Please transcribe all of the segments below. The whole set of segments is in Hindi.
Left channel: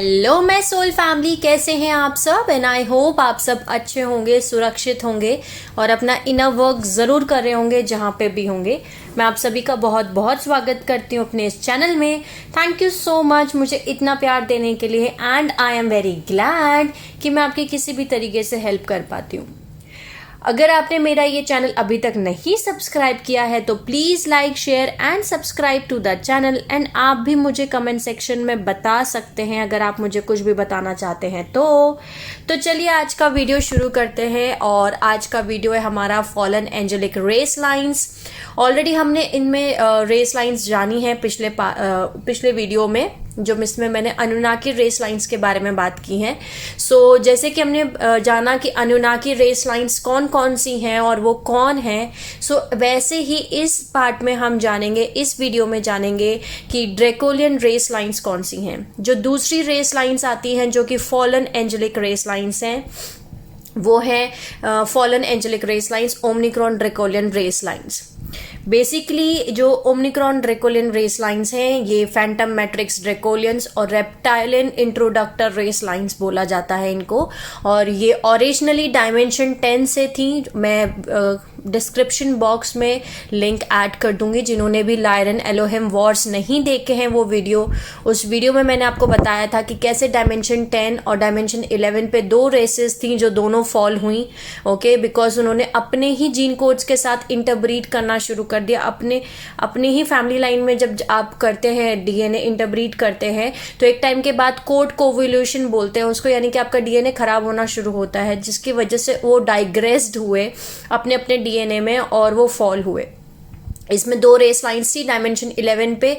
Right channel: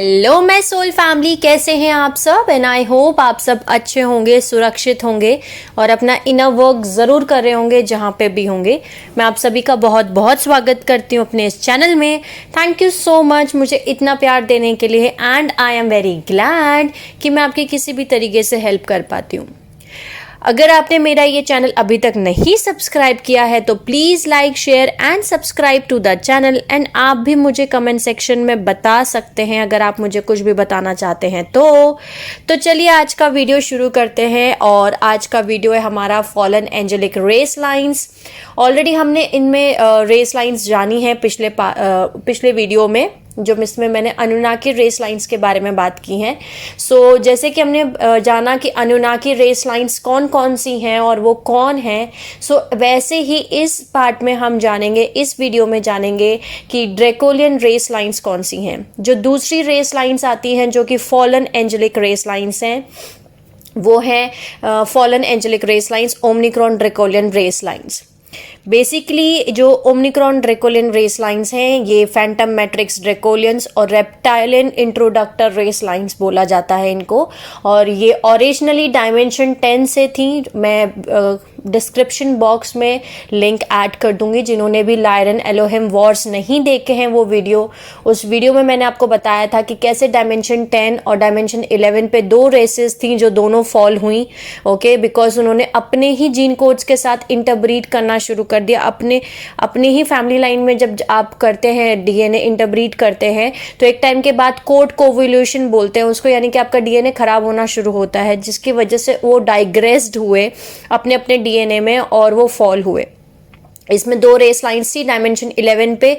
हेलो मैं सोल फैमिली, कैसे हैं आप सब। एंड आई होप आप सब अच्छे होंगे, सुरक्षित होंगे और अपना इनर वर्क ज़रूर कर रहे होंगे जहाँ पे भी होंगे। मैं आप सभी का बहुत बहुत स्वागत करती हूँ अपने इस चैनल में। थैंक यू सो मच मुझे इतना प्यार देने के लिए and I am very glad कि मैं आपकी किसी भी तरीके से हेल्प कर पाती हूँ। अगर आपने मेरा ये चैनल अभी तक नहीं सब्सक्राइब किया है तो please like share and subscribe to the channel. And आप भी मुझे कमेंट सेक्शन में बता सकते हैं अगर आप मुझे कुछ भी बताना चाहते हैं तो चलिए आज का वीडियो शुरू करते हैं। और आज का वीडियो है हमारा fallen angelic race lines. Already हमने इनमें रेस लाइंस जानी है पिछले वीडियो में, जो इसमें मैंने अनुनाकी रेस लाइंस के बारे में बात की है। सो जैसे कि हमने जाना कि अनुनाकी रेस लाइंस कौन कौन सी हैं और वो कौन हैं, सो वैसे ही इस पार्ट में हम जानेंगे, इस वीडियो में जानेंगे कि ड्रैकोलियन रेस लाइंस कौन सी हैं। जो दूसरी रेस लाइंस आती हैं जो कि फॉलन एंजेलिक रेस लाइंस हैं, वो है fallen angelic race lines, Omicron draconian race lines. Basically जो ओमनिक्रॉन ड्रैकोलियन रेस लाइंस हैं ये फैंटम मैट्रिक्स ड्रैकोलियंस और रेप्टाइलियन इंट्रोडक्टर रेस लाइंस बोला जाता है इनको। और ये ओरिजिनली डायमेंशन 10 से थी। मैं डिस्क्रिप्शन बॉक्स में लिंक ऐड कर दूंगी। जिन्होंने भी लायरन एलोहेम वॉर्स नहीं देखे हैं वो वीडियो, उस वीडियो में मैंने आपको बताया था कि कैसे डायमेंशन 10 और डायमेंशन 11 पे दो रेसेस थी जो दोनों फॉल हुई। ओके, बिकॉज उन्होंने अपने ही जीन कोड्स के साथ इंटरब्रीड करना शुरू कर दिया। अपने ही फैमिली लाइन में जब आप करते हैं डीएनए इंटरब्रीड करते हैं तो एक टाइम के बाद कोड कोवोल्यूशन बोलते हैं उसको, यानी कि आपका डीएनए खराब होना शुरू होता है, जिसकी वजह से वो डाइग्रेस्ड हुए अपने अपने डीएनए में और वो फॉल हुए। इसमें दो रेस लाइंस थी डायमेंशन 11 पे,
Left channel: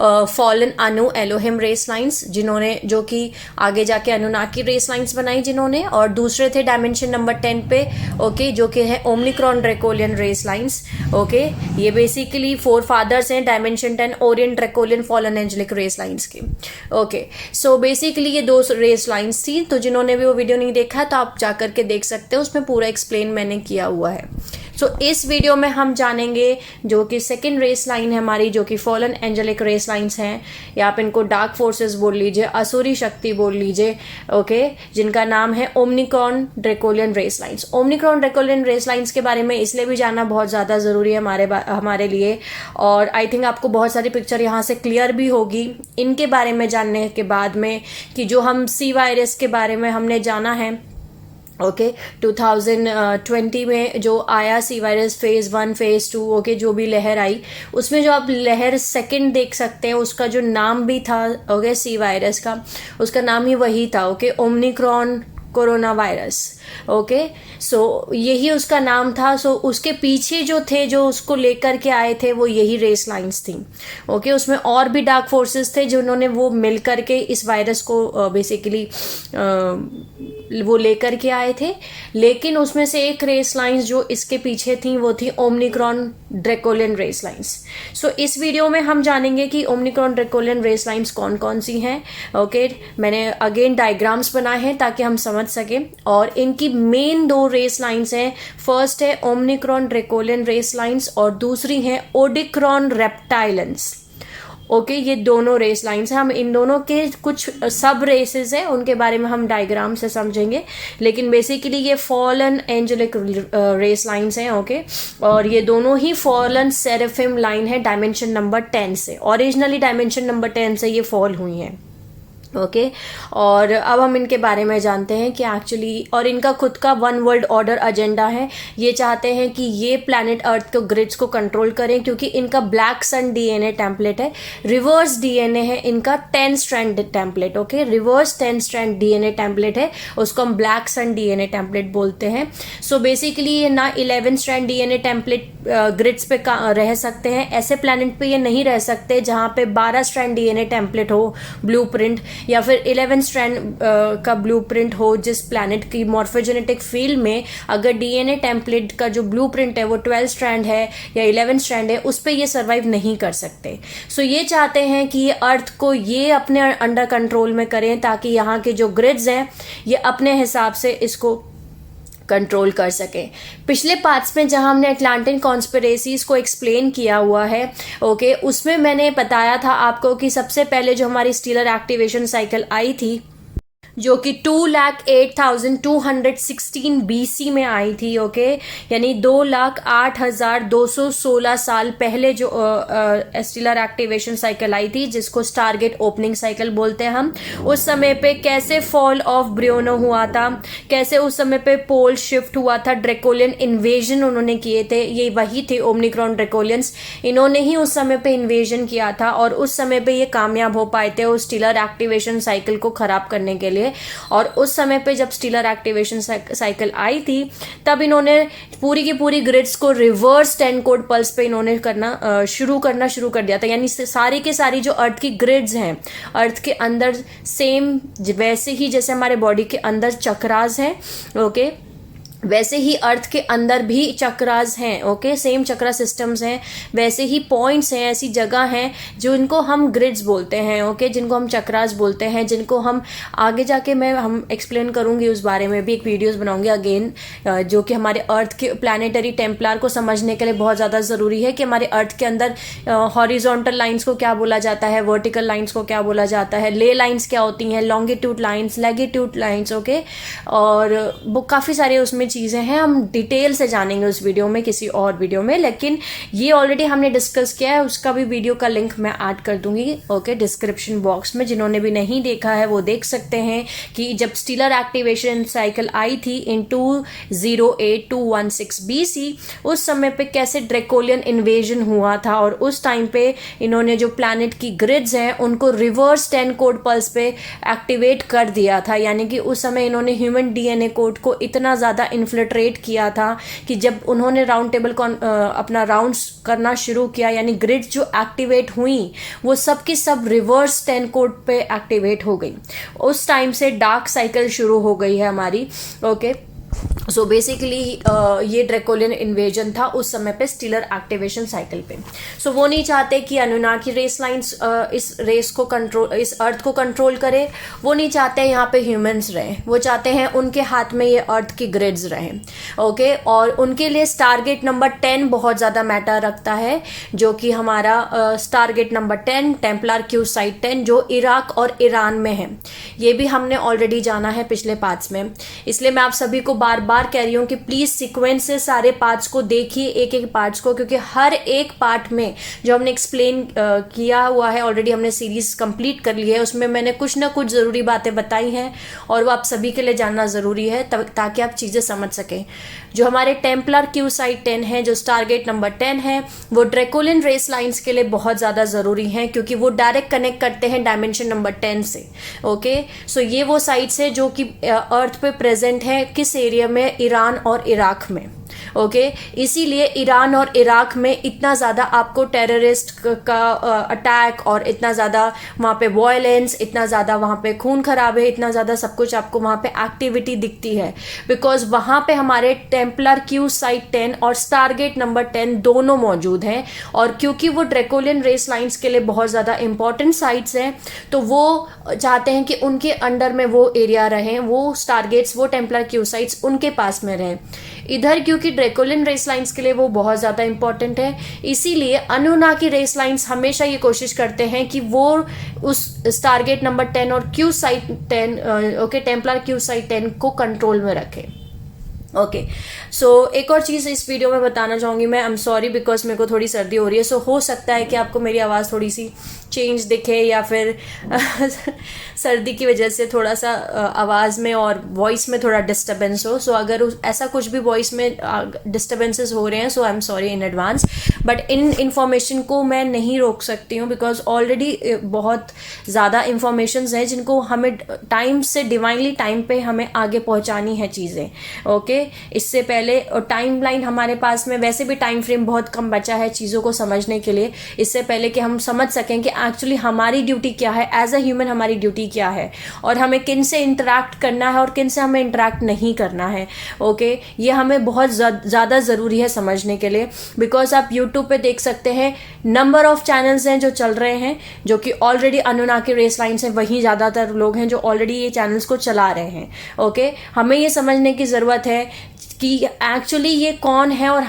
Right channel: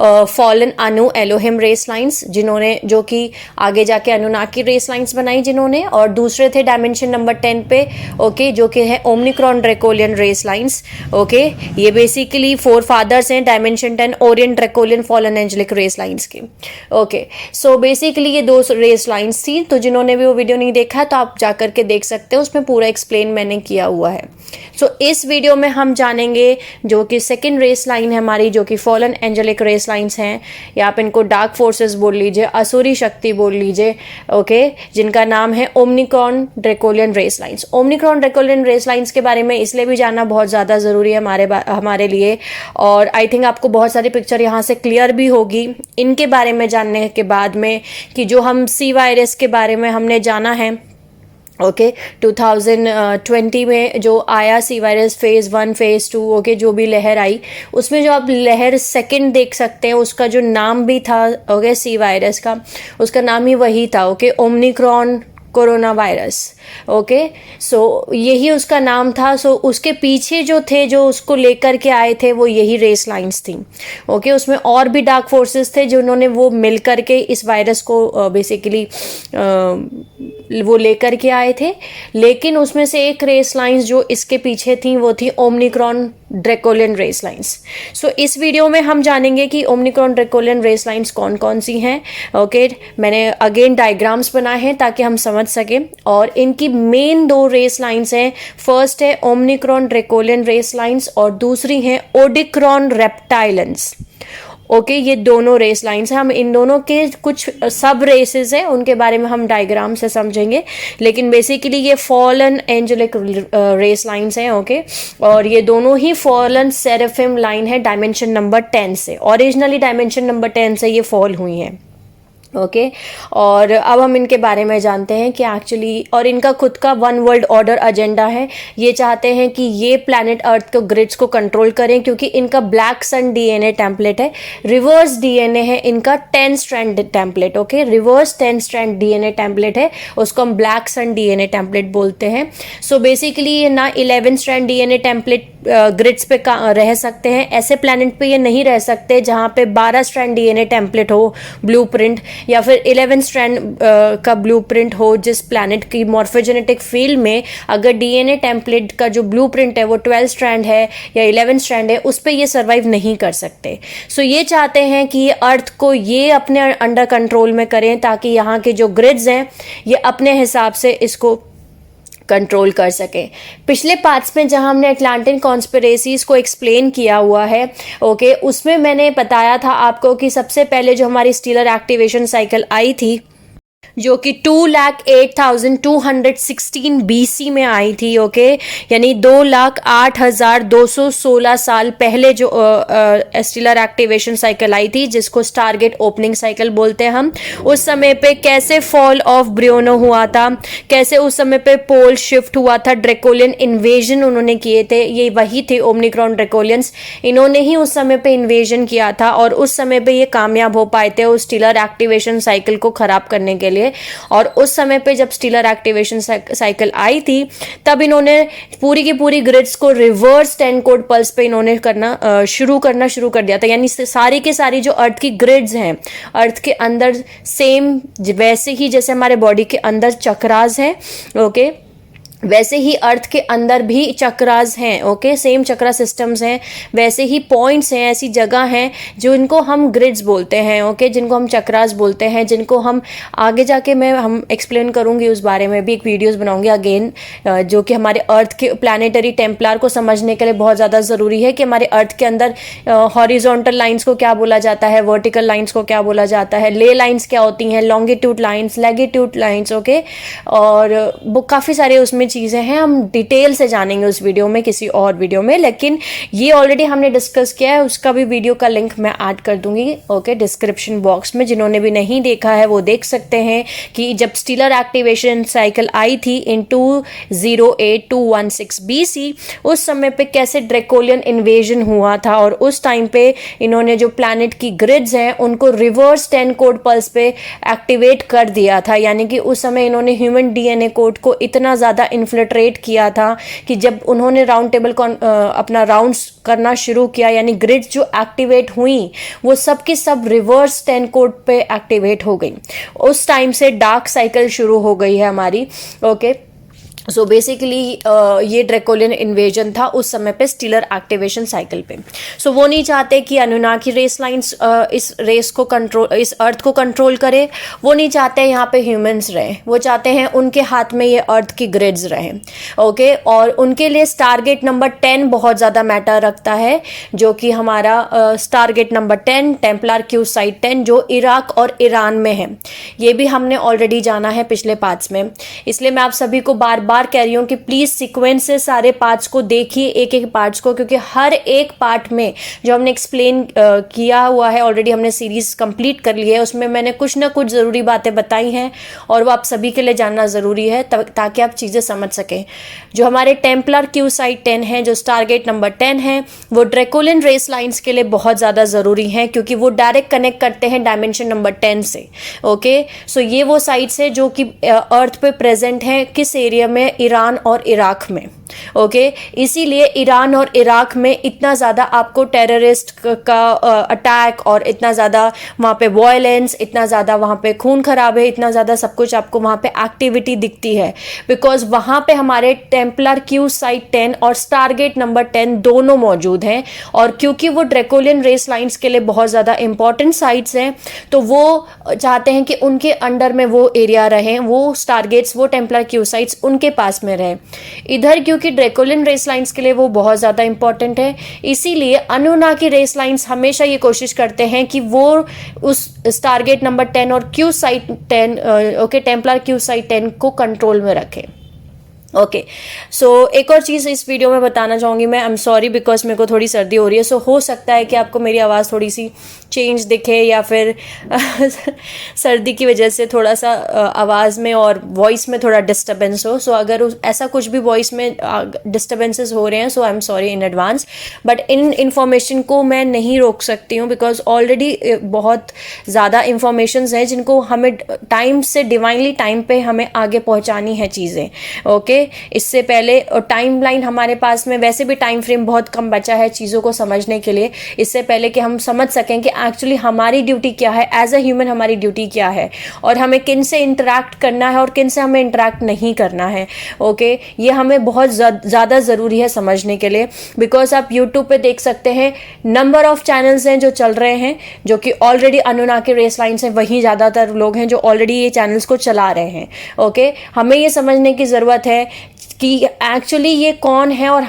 फॉलन अनु एलोहिम रेस लाइंस जिन्होंने, जो कि आगे जाके अनुनाकी रेस लाइंस बनाई जिन्होंने, और दूसरे थे डायमेंशन नंबर 10 पे, ओके, जो कि है Omicron draconian race lines. Okay, ये बेसिकली 4 फादर्स हैं dimension 10 Orion Draconian fallen angelic race lines की। ओके, सो बेसिकली ये दो रेस लाइंस थी। तो जिन्होंने भी वो वीडियो नहीं देखा तो आप जाकर के देख सकते हो, उसमें पूरा एक्सप्लेन मैंने किया हुआ है। सो इस वीडियो में हम जानेंगे जो कि सेकेंड रेस लाइन है हमारी, जो कि फॉलन एंजेलिक रेस लाइंस हैं, या आप इनको डार्क फोर्सेस बोल लीजिए, असुरी शक्ति बोल लीजिए। ओके, जिनका नाम है Omicron draconian race lines. Omicron draconian race lines के बारे में इसलिए भी जानना बहुत ज़्यादा ज़रूरी है हमारे लिए, और आई थिंक आपको बहुत सारी पिक्चर यहाँ से क्लियर भी होगी इनके बारे में जानने के बाद में, कि जो हम सी वायरस के बारे में हमने जाना है। ओके, 2020 में जो आया C virus phase 1 phase 2, okay, जो भी लहर आई उसमें जो आप लहर सेकंड देख सकते हैं उसका जो नाम भी था, ओके, सी वायरस का उसका नाम ही वही था, okay, Omicron corona virus. Okay, so यही उसका नाम था। सो उसके पीछे जो थे, जो उसको लेकर के आए थे, वो यही रेस लाइंस थी। ओके, उसमें और भी डार्क फोर्सेस थे जिन्होंने वो मिल करके इस वायरस को बेसिकली वो लेकर के आए थे। लेकिन उसमें से एक रेस लाइंस जो इसके पीछे थी वो थी ओमनिक्रॉन ड्रैकोलियन रेस लाइंस। सो इस वीडियो में हम जानेंगे कि ओमनिक्रॉन ड्रैकोलियन रेस लाइंस कौन कौन सी हैं। ओके, मैंने अगेन डायग्राम्स बनाए हैं ताकि हम समझ सकें। और इनकी मेन दो रेस लाइंस हैं। फर्स्ट है ओमनिक्रॉन ड्रैकोलियन रेस लाइंस और दूसरी है ओडिक्रॉन रेप्टाइलेंस। ओके, ये दोनों रेस लाइंस हैं। हम इन दोनों के कुछ सब रेसेस हैं, उनके बारे में हम डायग्राम से समझेंगे, लेकिन बेसिकली ये फॉलन एंजेलिक रेस लाइंस हैं। ओके, और ये दोनों ही फॉलन सेरेफिम लाइन है डायमेंशन नंबर 10 से। ओरिजिनली डायमेंशन नंबर 10 से ये फॉल हुई हैं। ओके, और अब हम इनके बारे में जानते हैं कि एक्चुअली, और इनका खुद का वन वर्ल्ड ऑर्डर एजेंडा है। ये चाहते हैं कि ये प्लैनेट अर्थ के ग्रिड्स को कंट्रोल करें, क्योंकि इनका ब्लैक सन डीएनए टेम्पलेट है, रिवर्स डीएनए है इनका 10 strand template. Okay, reverse 10 strand DNA template है, उसको हम ब्लैक सन डीएनए टेम्पलेट बोलते हैं। सो बेसिकली ये ना 11 स्ट्रैंड डीएनए टेम्पलेट ग्रिड्स पे रह सकते हैं, ऐसे प्लैनेट पे ये नहीं रह सकते जहाँ पे 12 स्ट्रैंड डीएनए टेम्पलेट हो ब्लूप्रिंट, या फिर 11 स्ट्रैंड का ब्लूप्रिंट हो। जिस प्लैनेट की मॉर्फोजेनेटिक फील्ड में अगर डीएनए टेम्पलेट का जो ब्लूप्रिंट है वो 12 स्ट्रैंड है या 11 स्ट्रैंड है, उस पर ये सर्वाइव नहीं कर सकते। सो ये चाहते हैं कि ये अर्थ को ये अपने अंडर कंट्रोल में करें, ताकि यहाँ के जो ग्रिड्स हैं ये अपने हिसाब से इसको कंट्रोल कर सकें। पिछले पार्ट्स में जहां हमने अटलांटिन कॉन्स्पिरेसीज को एक्सप्लेन किया हुआ है, ओके, उसमें मैंने बताया था आपको कि सबसे पहले जो हमारी स्टीलर एक्टिवेशन साइकिल आई थी, जो कि 2,08,216 BC में आई थी, ओके, यानी 2,08,216 साल पहले जो स्टीलर एक्टिवेशन साइकिल आई थी, जिसको स्टारगेट ओपनिंग साइकिल बोलते हैं हम। उस समय पे कैसे फॉल ऑफ ब्रियोनो हुआ था, कैसे उस समय पे पोल शिफ्ट हुआ था, ड्रेकोलियन इन्वेजन उन्होंने किए थे, ये वही थे ओमनिक्रॉन ड्रेकोलियंस, इन्होंने ही उस समय पे इन्वेजन किया था और उस समय पे ये कामयाब हो पाए थे उस स्टीलर एक्टिवेशन साइकिल को खराब करने के लिए। और उस समय पे जब स्टीलर एक्टिवेशन साइकिल आई थी, तब इन्होंने पूरी की पूरी ग्रिड्स को रिवर्स 10 कोड पल्स पे इन्होंने शुरू कर दिया था। यानी सारी के सारी जो अर्थ की ग्रिड्स हैं, अर्थ के अंदर सेम वैसे ही जैसे हमारे बॉडी के अंदर चक्रास हैं, ओके, वैसे ही अर्थ के अंदर भी चक्रास हैं, ओके, सेम चक्रा सिस्टम्स हैं, वैसे ही पॉइंट्स हैं, ऐसी जगह हैं जो इनको हम ग्रिड्स बोलते हैं, ओके, जिनको हम चक्रास बोलते हैं, जिनको हम आगे जाके हम एक्सप्लेन करूंगी, उस बारे में भी एक वीडियोस बनाऊंगी अगेन, जो कि हमारे अर्थ के प्लानिटरी टेम्पलर को समझने के लिए बहुत ज़्यादा ज़रूरी है कि हमारे अर्थ के अंदर हॉरिजॉन्टल लाइन्स को क्या बोला जाता है, वर्टिकल लाइन्स को क्या बोला जाता है, ले लाइन्स क्या होती हैं, लॉन्गिट्यूड लाइन्स, लैगिट्यूड लाइन्स, ओके, और वो काफ़ी सारे उसमें चीजें हैं, हम डिटेल से जानेंगे उस वीडियो में, किसी और वीडियो में, लेकिन ये ऑलरेडी हमने डिस्कस किया है, उसका भी वीडियो का लिंक मैं ऐड कर दूंगी, ओके, डिस्क्रिप्शन बॉक्स में। जिन्होंने भी नहीं देखा है वो देख सकते हैं कि जब स्टीलर एक्टिवेशन साइकिल आई थी इन 208,216 BC, उस समय पे कैसे ड्रेकोलियन इन्वेजन हुआ था और उस टाइम पे इन्होंने जो प्लैनेट की ग्रिड्स हैं उनको रिवर्स 10 कोड पल्स पे एक्टिवेट कर दिया था। यानी कि उस समय इन्होंने ह्यूमन DNA कोड को इतना ज्यादा इन्फ्लिट्रेट किया था कि जब उन्होंने राउंड टेबल अपना राउंड्स करना शुरू किया, यानी ग्रिड जो एक्टिवेट हुई वो सब की सब रिवर्स 10 कोड पे एक्टिवेट हो गई। उस टाइम से डार्क साइकिल शुरू हो गई है हमारी, ओके। सो बेसिकली ये ड्रेकोलियन इन्वेजन था उस समय पे स्टीलर एक्टिवेशन साइकिल पे। सो वो नहीं चाहते कि अनुनाकी रेस लाइंस इस रेस को कंट्रोल, इस अर्थ को कंट्रोल करे, वो नहीं चाहते यहाँ पे ह्यूमंस रहे, वो चाहते हैं उनके हाथ में ये अर्थ की ग्रिड्स रहे, ओके। और उनके लिए स्टारगेट नंबर 10 बहुत ज़्यादा मैटर रखता है, जो कि हमारा Stargate number 10 Templar Q site 10 जो इराक और ईरान में है। ये भी हमने ऑलरेडी जाना है पिछले पार्ट्स में, इसलिए मैं आप सभी को बार बार कह रही हूं कि प्लीज सीक्वेंस से सारे पार्ट्स को देखिए, एक एक पार्ट्स को, क्योंकि हर एक पार्ट में जो हमने एक्सप्लेन किया हुआ है, ऑलरेडी हमने सीरीज कंप्लीट कर ली है, उसमें मैंने कुछ ना कुछ जरूरी बातें बताई हैं और वो आप सभी के लिए जानना जरूरी है ताकि आप चीजें समझ सकें। जो हमारे टेम्पलर क्यू साइट 10 है, जो स्टारगेट नंबर 10 है, वो ड्रेकोलियन रेस लाइंस के लिए बहुत ज्यादा जरूरी है, क्योंकि वो डायरेक्ट कनेक्ट करते हैं डायमेंशन नंबर 10 से, ओके। सो ये वो साइट्स है जो कि अर्थ पे प्रेजेंट है, किस एरिया में, ईरान और इराक में, ओके। इसीलिए ईरान और इराक में इतना ज्यादा आपको टेररिस्ट का अटैक और इतना ज्यादा वहां पे वायलेंस, इतना ज्यादा वहां पे खून खराबे, इतना ज्यादा सब कुछ आपको वहां पे एक्टिविटी दिखती है, बिकॉज वहां पे हमारे टेम्पलर क्यू साइट 10 और स्टारगेट नंबर 10 दोनों मौजूद हैं। और क्योंकि वो ड्रेकोलियन रेस लाइंस के लिए बहुत ज्यादा इंपॉर्टेंट साइट्स हैं, तो वो चाहते हैं कि उनके अंडर में वो एरिया रहे, वो स्टारगेट्स, वो टेम्पलर क्यू साइट्स उनके पास में रहे इधर, क्योंकि ड्रेकोलियन रेस लाइंस के लिए वो बहुत ज्यादा इंपॉर्टेंट है। इसीलिए अनुनाकी रेस लाइंस हमेशा ये कोशिश करते हैं कि वो उस टारगेट नंबर 10 और Q site 10, okay, Templar Q site 10 को कंट्रोल में रखें, ओके। सो एक और चीज इस वीडियो में बताना चाहूंगी मैं, आई एम सॉरी बिकॉज मेरे को थोड़ी सर्दी हो रही है, सो हो सकता है कि आपको मेरी आवाज़ थोड़ी सी चेंज दिखे या फिर सर्दी की वजह से थोड़ा सा आवाज़ में और वॉइस में थोड़ा डिस्टर्बेंस हो। सो अगर ऐसा कुछ भी वॉइस में डिस्टर्बेंसेस हो रहे हैं, so I am sorry in advance, but इन इन्फॉर्मेशन को मैं नहीं रोक सकती हूँ, बिकॉज ऑलरेडी बहुत ज़्यादा इन्फॉर्मेशंस हैं जिनको हमें टाइम से, डिवाइनली टाइम पे हमें आगे पहुँचानी है चीज़ें, ओके। इससे पहले टाइमलाइन हमारे पास में वैसे भी टाइम फ्रेम बहुत कम बचा है चीज़ों को समझने के लिए, इससे पहले कि हम समझ सकें कि एक्चुअली हमारी ड्यूटी क्या है, एज अ ह्यूमन हमारी ड्यूटी क्या है, और हमें किन से इंटरैक्ट करना है और किन से हमें इंटरैक्ट नहीं करना है। ओके, ये हमें बहुत ज़्यादा ज़रूरी है समझने के लिए, बिकॉज आप यूट्यूब पे देख सकते हैं नंबर ऑफ चैनल्स हैं जो चल रहे हैं, जो कि ऑलरेडी अनुनाकी रेस लाइन्स हैं, वही ज़्यादातर लोग हैं जो ऑलरेडी ये चैनल्स को चला रहे हैं। ओके, हमें ये समझने की ज़रूरत है कि एक्चुअली ये कौन है और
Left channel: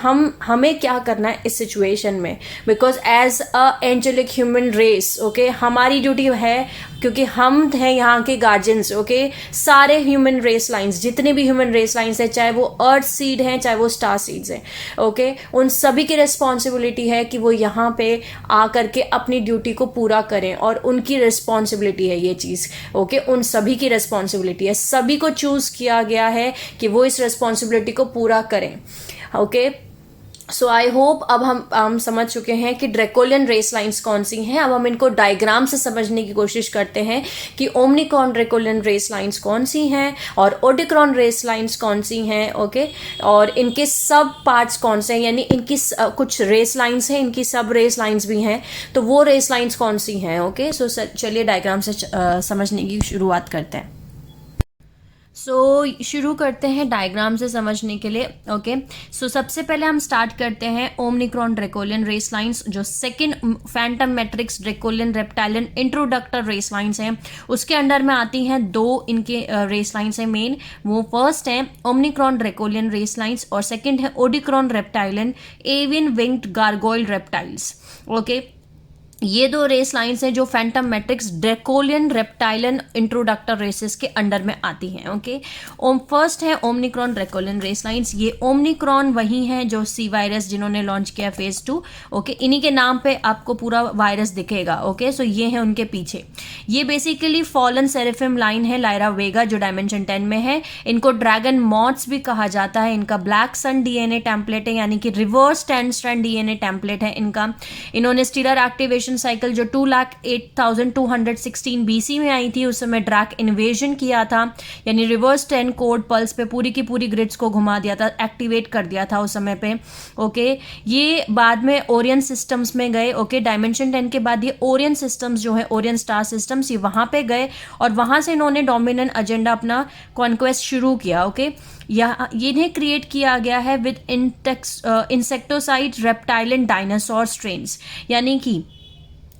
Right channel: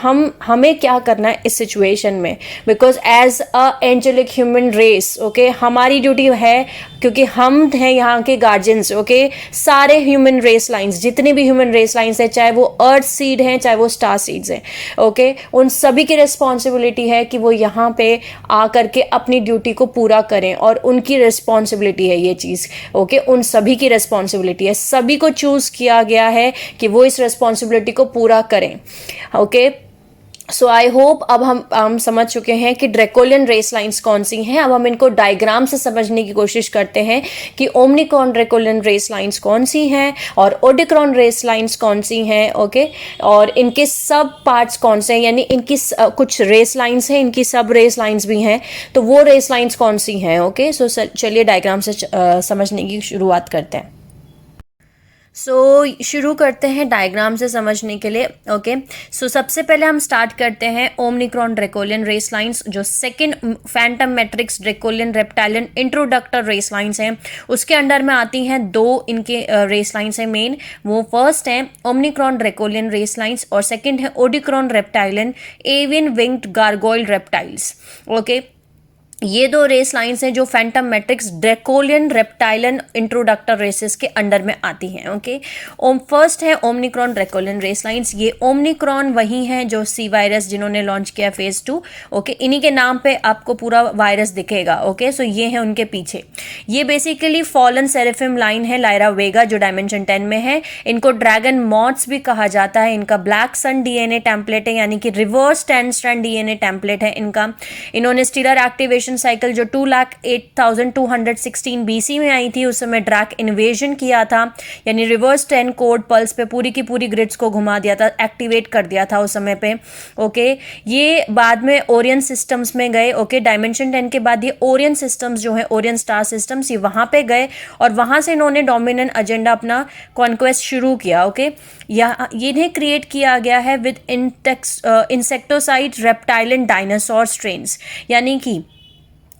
हमें क्या करना है इस सिचुएशन में, because as a angelic human race, okay, हमारी ड्यूटी है, क्योंकि हम हैं यहाँ के गार्जियंस। ओके, सारे ह्यूमन रेस लाइंस, जितने भी ह्यूमन रेस लाइंस हैं, चाहे वो अर्थ सीड हैं चाहे वो स्टार सीड्स हैं, ओके, उन सभी की रिस्पॉन्सिबिलिटी है कि वो यहाँ पे आकर के अपनी ड्यूटी को पूरा करें, और उनकी रिस्पॉन्सिबिलिटी है ये चीज़। ओके, उन सभी की रिस्पॉन्सिबिलिटी है, सभी को चूज किया गया है कि वो इस रिस्पॉन्सिबिलिटी को पूरा करें। ओके, सो आई होप अब हम समझ चुके हैं कि ड्रैकोलियन रेस लाइंस कौन सी हैं। अब हम इनको डायग्राम से समझने की कोशिश करते हैं कि ओमनिक्रॉन ड्रैकोलियन रेस लाइंस कौन सी हैं और ओडिक्रॉन रेस लाइंस कौन सी हैं। ओके, और इनके सब पार्ट्स कौन से हैं, यानी इनकी कुछ रेस लाइंस हैं, इनकी सब रेस लाइंस भी हैं, तो वो रेस लाइंस कौन सी हैं। ओके, सो चलिए डायग्राम से समझने की शुरुआत करते हैं। शुरू करते हैं डायग्राम से समझने के लिए। ओके, सबसे पहले हम स्टार्ट करते हैं ओमनिक्रॉन ड्रैकोलियन रेस लाइंस, जो second phantom matrix Draconian reptilian introductor race lines हैं। उसके अंडर में आती हैं दो इनके रेस लाइंस हैं मेन। वो फर्स्ट है ओमनिक्रॉन ड्रैकोलियन रेस लाइंस और सेकंड है Odicron reptilian avian winged gargoyle reptiles. Okay, ये दो रेस लाइंस हैं जो phantom matrix Draconian reptilian introductor races के अंडर में आती हैं। ओके, फर्स्ट है ओमनिक्रॉन ड्रैकोलियन रेस लाइंस। ये ओमनिक्रॉन वही है जो सी वायरस जिन्होंने लॉन्च किया फेज 2। ओके, इन्हीं के नाम पे आपको पूरा वायरस दिखेगा। ओके, सो ये है उनके पीछे। ये बेसिकली फॉलन सेरेफिम लाइन है लायरा वेगा, जो डायमेंशन 10 में है। इनको ड्रैगन मॉथ्स भी कहा जाता है। इनका ब्लैक सन डीएनए टेम्पलेट है, यानी कि रिवर्स 10 स्ट्रैंड डीएनए टेम्पलेट है इनका। इन्होंने स्टीलर एक्टिवेशन साइकिल जो 2,08,216 बीसी में आई थी, उस समय ड्रैक इन्वेजन किया था, यानी रिवर्स 10 कोड पल्स पे पूरी की पूरी ग्रिड्स को घुमा दिया था, एक्टिवेट कर दिया था उस समय पे। ओके, ये बाद में ओरियन सिस्टम्स में गए। ओके, डायमेंशन 10 के बाद ये ओरियन सिस्टम्स जो है, ओरियन स्टार सिस्टम्स, ये वहां पे गए और वहां से इन्होंने डोमिनेंट एजेंडा अपना कॉन्क्वेस्ट शुरू किया। ओके, इन्हें क्रिएट किया गया है विद इंसेक्टोसाइड रेप्टाइलन डायनासोर स्ट्रेन्स, यानी कि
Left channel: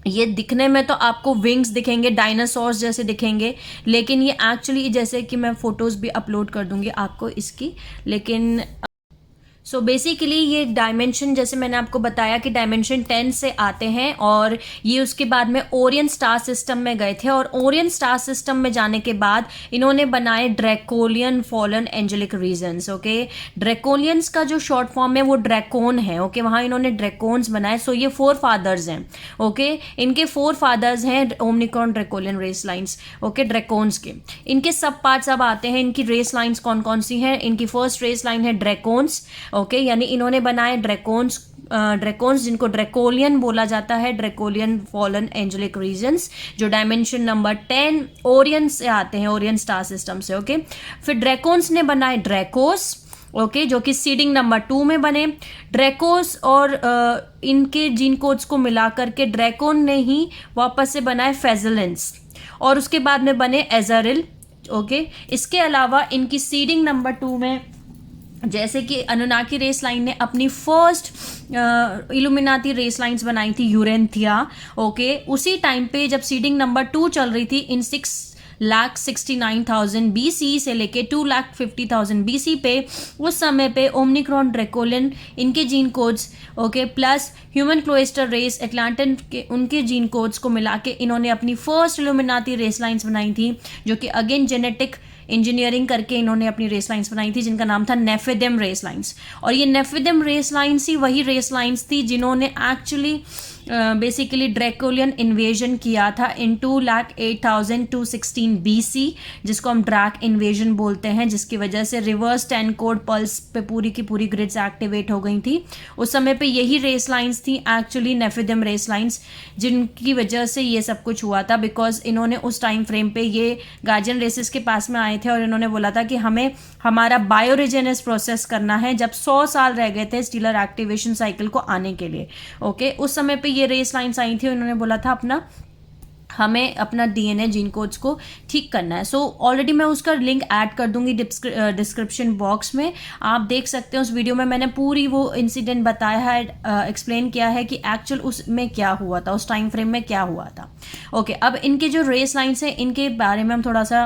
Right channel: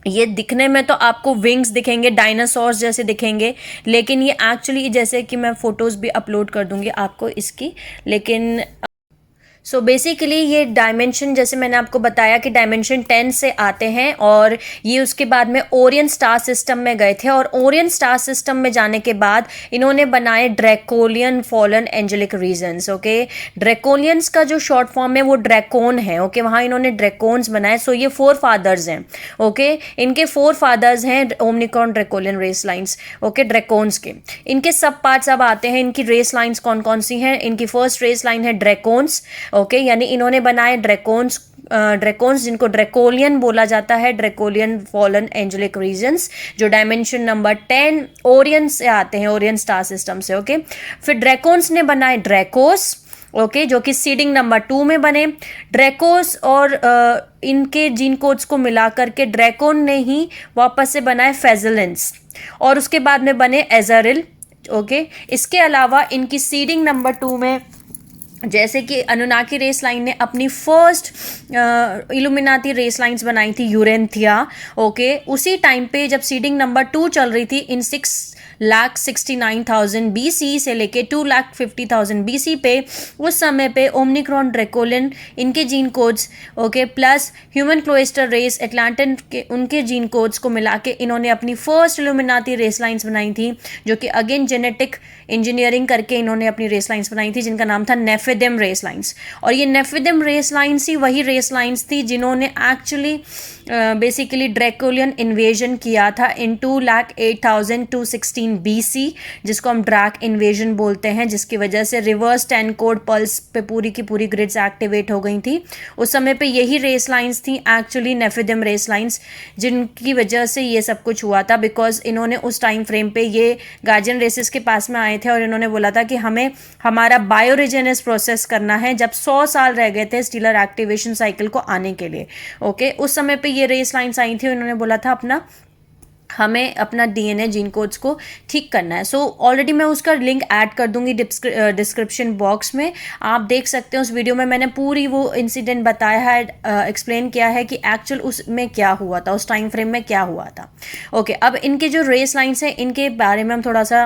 ये दिखने में तो आपको विंग्स दिखेंगे, डायनासोर्स जैसे दिखेंगे, लेकिन ये एक्चुअली, जैसे कि मैं फोटोज भी अपलोड कर दूंगी आपको इसकी, लेकिन बेसिकली ये डायमेंशन, जैसे मैंने आपको बताया कि डायमेंशन 10 से आते हैं, और ये उसके बाद में ओरियन स्टार सिस्टम में गए थे, और ओरियन स्टार सिस्टम में जाने के बाद इन्होंने बनाए draconian fallen angelic regions. Okay, ड्रैकोलियंस का जो शॉर्ट फॉर्म है वो ड्रैकोन है। ओके, वहाँ इन्होंने ड्रैकोन्स बनाए। ये 4 फादर्स हैं। ओके, इनके 4 फादर्स हैं Omicron draconian race lines. Okay, ड्रैकोन्स के इनके सब पार्ट्स अब आते हैं। इनकी रेस लाइन्स कौन कौन सी हैं? इनकी फर्स्ट रेस लाइन है ड्रैकोन्स। ओके, यानी इन्होंने बनाए ड्रैकोन्स जिनको ड्रैकोलियन बोला जाता है, ड्रैकोलियन फॉलन एंजेलिक रीजन्स, जो डायमेंशन नंबर 10 ओरियन से आते हैं, ओरियन स्टार सिस्टम से। ओके, फिर ड्रैकोन्स ने बनाए ड्रैकोस। ओके, जो कि सीडिंग नंबर 2 में बने। ड्रैकोस और इनके जीन कोड्स को मिलाकर के ड्रैकोन ने ही वापस से बनाए फेजलेंस, और उसके बाद में बने एजरिल। ओके, इसके अलावा इनकी सीडिंग नंबर 2 में, जैसे कि अनुनाकी रेस लाइन ने अपनी फर्स्ट इल्यूमिनाती रेस लाइंस बनाई थी, यूरेंथिया। ओके, उसी टाइम पे जब सीडिंग नंबर 2 चल रही थी, इन 6,69,000 BC से लेके 2,50,000 BC पे, उस समय पे ओमनिक्रॉन ड्रैकोलियन इनके gene codes, okay, plus human cloister race Atlantean के उनके जीन कोड्स को मिला के इन्होंने अपनी फर्स्ट इल्यूमिनाती रेस लाइंस बनाई थी, जो कि अगेन जेनेटिक इंजीनियरिंग करके इन्होंने अपनी रेस लाइंस बनाई थी, जिनका नाम था नेफिदिम रेस लाइंस। और ये नेफिदिम रेस लाइंस ही वही रेस लाइंस थी जिन्होंने एक्चुअली बेसिकली ड्रैकोलियन इन्वेजन किया था इन 2,08,216 BC, जिसको हम ड्रैक इन्वेजन बोलते हैं, जिसकी वजह से रिवर्स 10 कोड पल्स पे पूरी की पूरी ग्रिड्स एक्टिवेट हो गई थी। उस समय पे यही रेस लाइंस थी एक्चुअली नेफिदिम रेस लाइंस, जिनकी वजह से ये सब कुछ हुआ था, बिकॉज इन्होंने उस टाइम फ्रेम पे ये गार्जियन रेसेस के पास में आए थे और इन्होंने बोला था कि हमें हमारा बायोरिजेनेस प्रोसेस करना है जब 100 साल रह गए थे स्टीलर एक्टिवेशन साइकिल को आने के लिए। ओके, उस समय पे ये रेस लाइन्स आई थी और इन्होंने बोला था हमें अपना डीएनए जीन कोड्स को ठीक करना है। सो ऑलरेडी मैं उसका लिंक ऐड कर दूंगी डिस्क्रिप्शन बॉक्स में, आप देख सकते हैं। उस वीडियो में मैंने पूरी वो इंसिडेंट बताया है, एक्सप्लेन किया है कि एक्चुअल उसमें क्या हुआ था, उस टाइम फ्रेम में क्या हुआ था। ओके, अब इनके जो रेस लाइन्स हैं इनके बारे में हम थोड़ा सा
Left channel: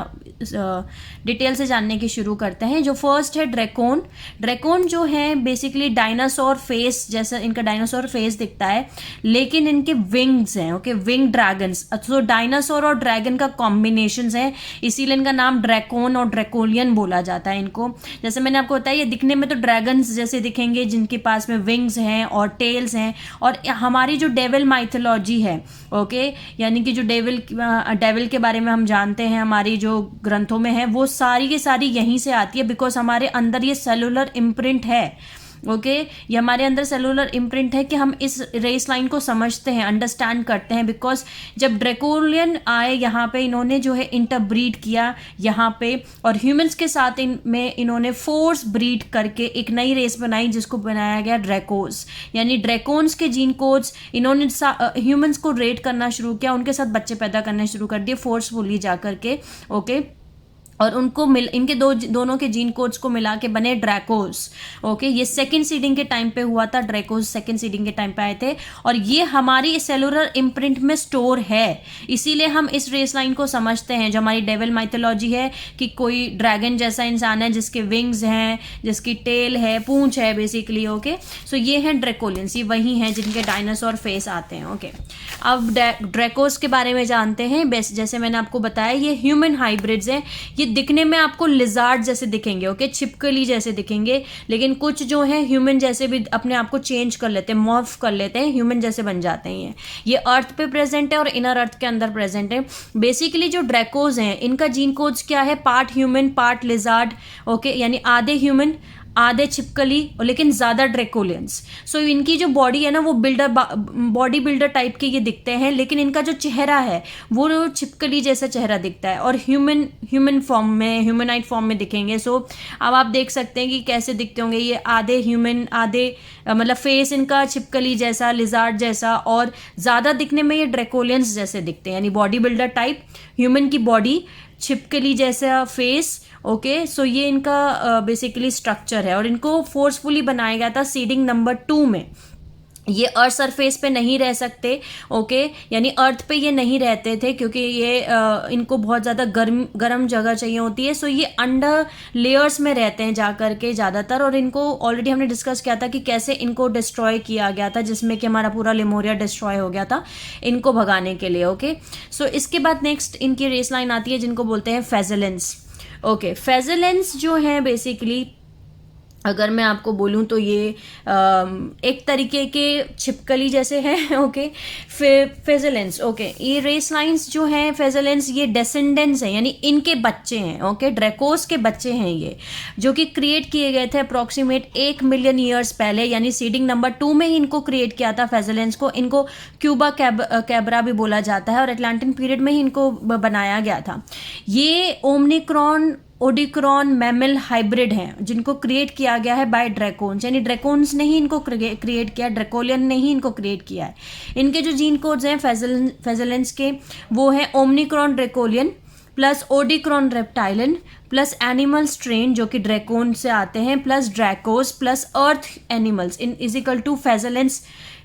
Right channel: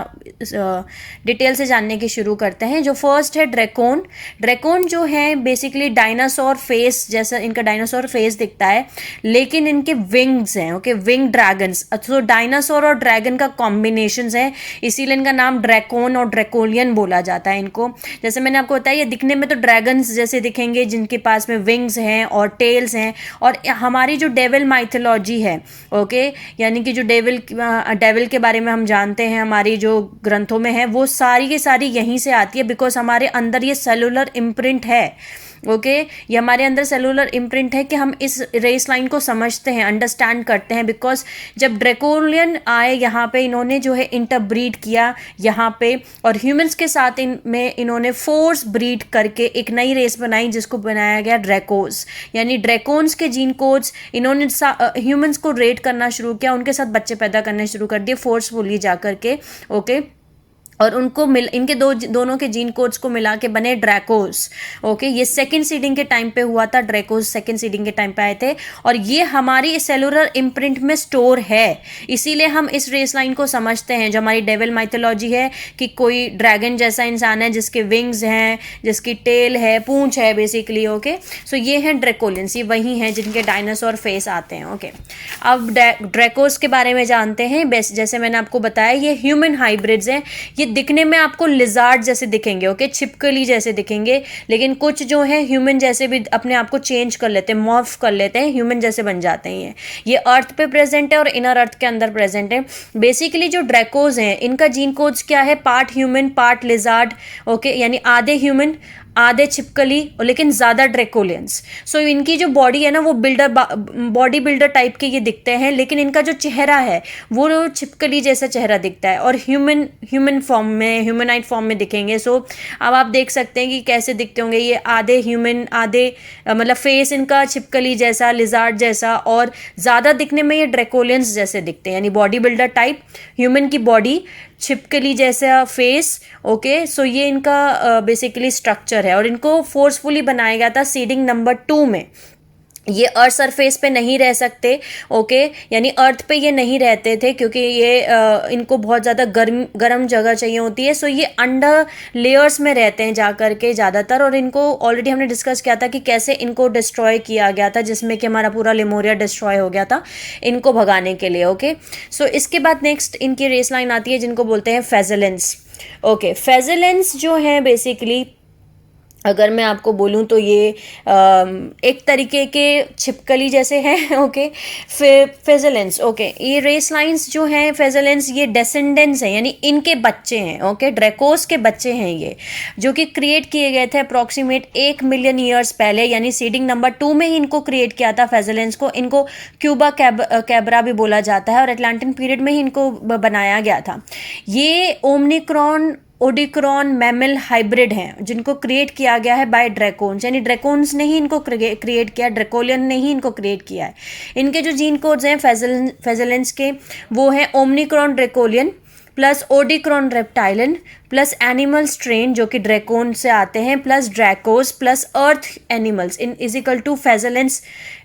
डिटेल से जानने की शुरू करते हैं। जो फर्स्ट है ड्रैकोन। ड्रैकोन जो है बेसिकली डायनासोर फेस जैसा इनका डायनासोर फेस दिखता है, लेकिन इनके विंग्स हैं। ओके, विंग ड्रैगन्स, तो डायनासोर और ड्रैगन का कॉम्बिनेशन है, इसीलिए इनका नाम ड्रैकोन और ड्रैकोलियन बोला जाता है इनको। जैसे मैंने आपको बताया, ये दिखने में तो ड्रैगन्स जैसे दिखेंगे जिनके पास में विंग्स हैं और टेल्स हैं। और हमारी जो डेविल माइथोलॉजी है, ओके, यानी कि जो डेविल के बारे में हम जानते हैं हमारी जो ग्रंथों में है, वो सारी की सारी यहीं से आती है, बिकॉज हमारे अंदर ये सेलुलर इम्प्रिंट है। ओके, ये हमारे अंदर सेलुलर इम्प्रिंट है कि हम इस रेस लाइन को समझते हैं, अंडरस्टैंड करते हैं। बिकॉज जब ड्रैकोलियन आए यहाँ पे, इन्होंने जो है इंटरब्रीड किया यहाँ पे, और ह्यूमंस के साथ इनमें इन्होंने फोर्स ब्रीड करके एक नई रेस बनाई जिसको बनाया गया ड्रैकोस। यानी ड्रैकोन्स के जीन कोड्स इन्होंने ह्यूमंस को रेट करना शुरू किया, उनके साथ बच्चे पैदा करने शुरू कर दिए फोर्सफुली जा करके। ओके, और उनको इनके दोनों के जीन कोड्स को मिला के बने ड्रैकोस। ओके, ये सेकंड सीडिंग के टाइम पे हुआ था, ड्रैकोस सेकंड सीडिंग के टाइम पे आए थे, और ये हमारी सेलुलर इम्प्रिंट में स्टोर है। इसीलिए हम इस रेस लाइन को समझते हैं, जो हमारी डेविल माइथोलॉजी है कि कोई ड्रैगन जैसा इंसान है जिसके विंग्स हैं, जिसकी टेल है, पूंछ है बेसिकली। ओके, सो ये हैं ड्रैकोलियंस, ये वही हैं जिनके डायनासोर फेस आते हैं। ओके, अब ड्रैकोस के बारे में जानते हैं। जैसे मैंने आपको बताया, ये ह्यूमन हाइब्रिड्स हैं। ये दिखने में आपको लिजार्ड जैसे दिखेंगे, ओके, छिपकली जैसे दिखेंगे, लेकिन कुछ जो है ह्यूमन जैसे भी अपने आप को चेंज कर लेते हैं, मॉर्फ कर लेते हैं, ह्यूमन जैसे बन जाते हैं। ये अर्थ पे प्रेजेंट है और इनर अर्थ के अंदर प्रेजेंट है। बेसिकली जो ड्रैकोज हैं इनका जीन कोड्स क्या है, part human part lizard. Okay, यानी आधे ह्यूमन आधे छिपकली, लेकिन ज़्यादा ड्रैकोलियंस। सो इनकी जो बॉडी है ना, वो बॉडी बिल्डर टाइप के ये दिखते हैं, लेकिन इनका जो चेहरा है वो छिपकली जैसा चेहरा दिखता है, और ह्यूमन फॉर्म में, ह्यूमनाइड फॉर्म में दिखेंगे। सो अब आप देख सकते हैं कि कैसे दिखते होंगे। ये आधे ह्यूमन आधे मतलब फेस इनका छिपकली जैसा, लिजार्ड जैसा, और ज़्यादा दिखने में ये ड्रैकोलियंस जैसे दिखते हैं, यानी बॉडी बिल्डर टाइप, ह्यूमन की बॉडी, छिपकली जैसा फेस। ओके, सो ये इनका बेसिकली स्ट्रक्चर है, और इनको फोर्सफुली बनाया गया था सीडिंग नंबर 2 में। ये अर्थ सरफेस पे नहीं रह सकते। ओके, यानी अर्थ पे ये नहीं रहते थे, क्योंकि ये इनको बहुत ज़्यादा गर्म जगह चाहिए होती है। सो ये अंडर लेयर्स में रहते हैं जा करके ज़्यादातर, और इनको ऑलरेडी हमने डिस्कस किया था कि कैसे इनको डिस्ट्रॉय किया गया था, जिसमें कि हमारा पूरा लेमोरिया डिस्ट्रॉय हो गया था इनको भगाने के लिए। ओके, सो इसके बाद नेक्स्ट इनकी रेस लाइन आती है जिनको बोलते हैं फेजेलेंस। ओके, फेजेलेंस जो है बेसिकली, अगर मैं आपको बोलूं तो ये एक तरीके के छिपकली जैसे हैं। ओके, फेजेलेंस। ओके, ये रेस लाइंस जो हैं फेजेलेंस, ये डेसेंडेंट्स हैं, यानी इनके बच्चे हैं। ओके, ड्रैकोस के बच्चे हैं ये, जो कि क्रिएट किए गए थे अप्रॉक्सीमेट 1 मिलियन ईयर्स पहले, यानी सीडिंग नंबर 2 में ही इनको क्रिएट किया था फेजेलेंस को। इनको क्यूबा कैब्रा भी बोला जाता है, और अटलांटिक पीरियड में ही इनको बनाया गया था। ये ओमनिक्रॉन ओडिक्रॉन मैमल हाइब्रिड हैं, जिनको क्रिएट किया गया है बाय ड्रैकोन्स, यानी ड्रैकोन्स ने ही इनको क्रिएट किया, ड्रैकोलियन ने ही इनको क्रिएट किया है। इनके जो जीन कोड्स हैं फेजेलेंस के, वो है Omicron Draconian plus Odicron reptilian plus animal strain जो कि ड्रैकोन से आते हैं, plus Dracos plus earth animals in is equal to फेजेलेंस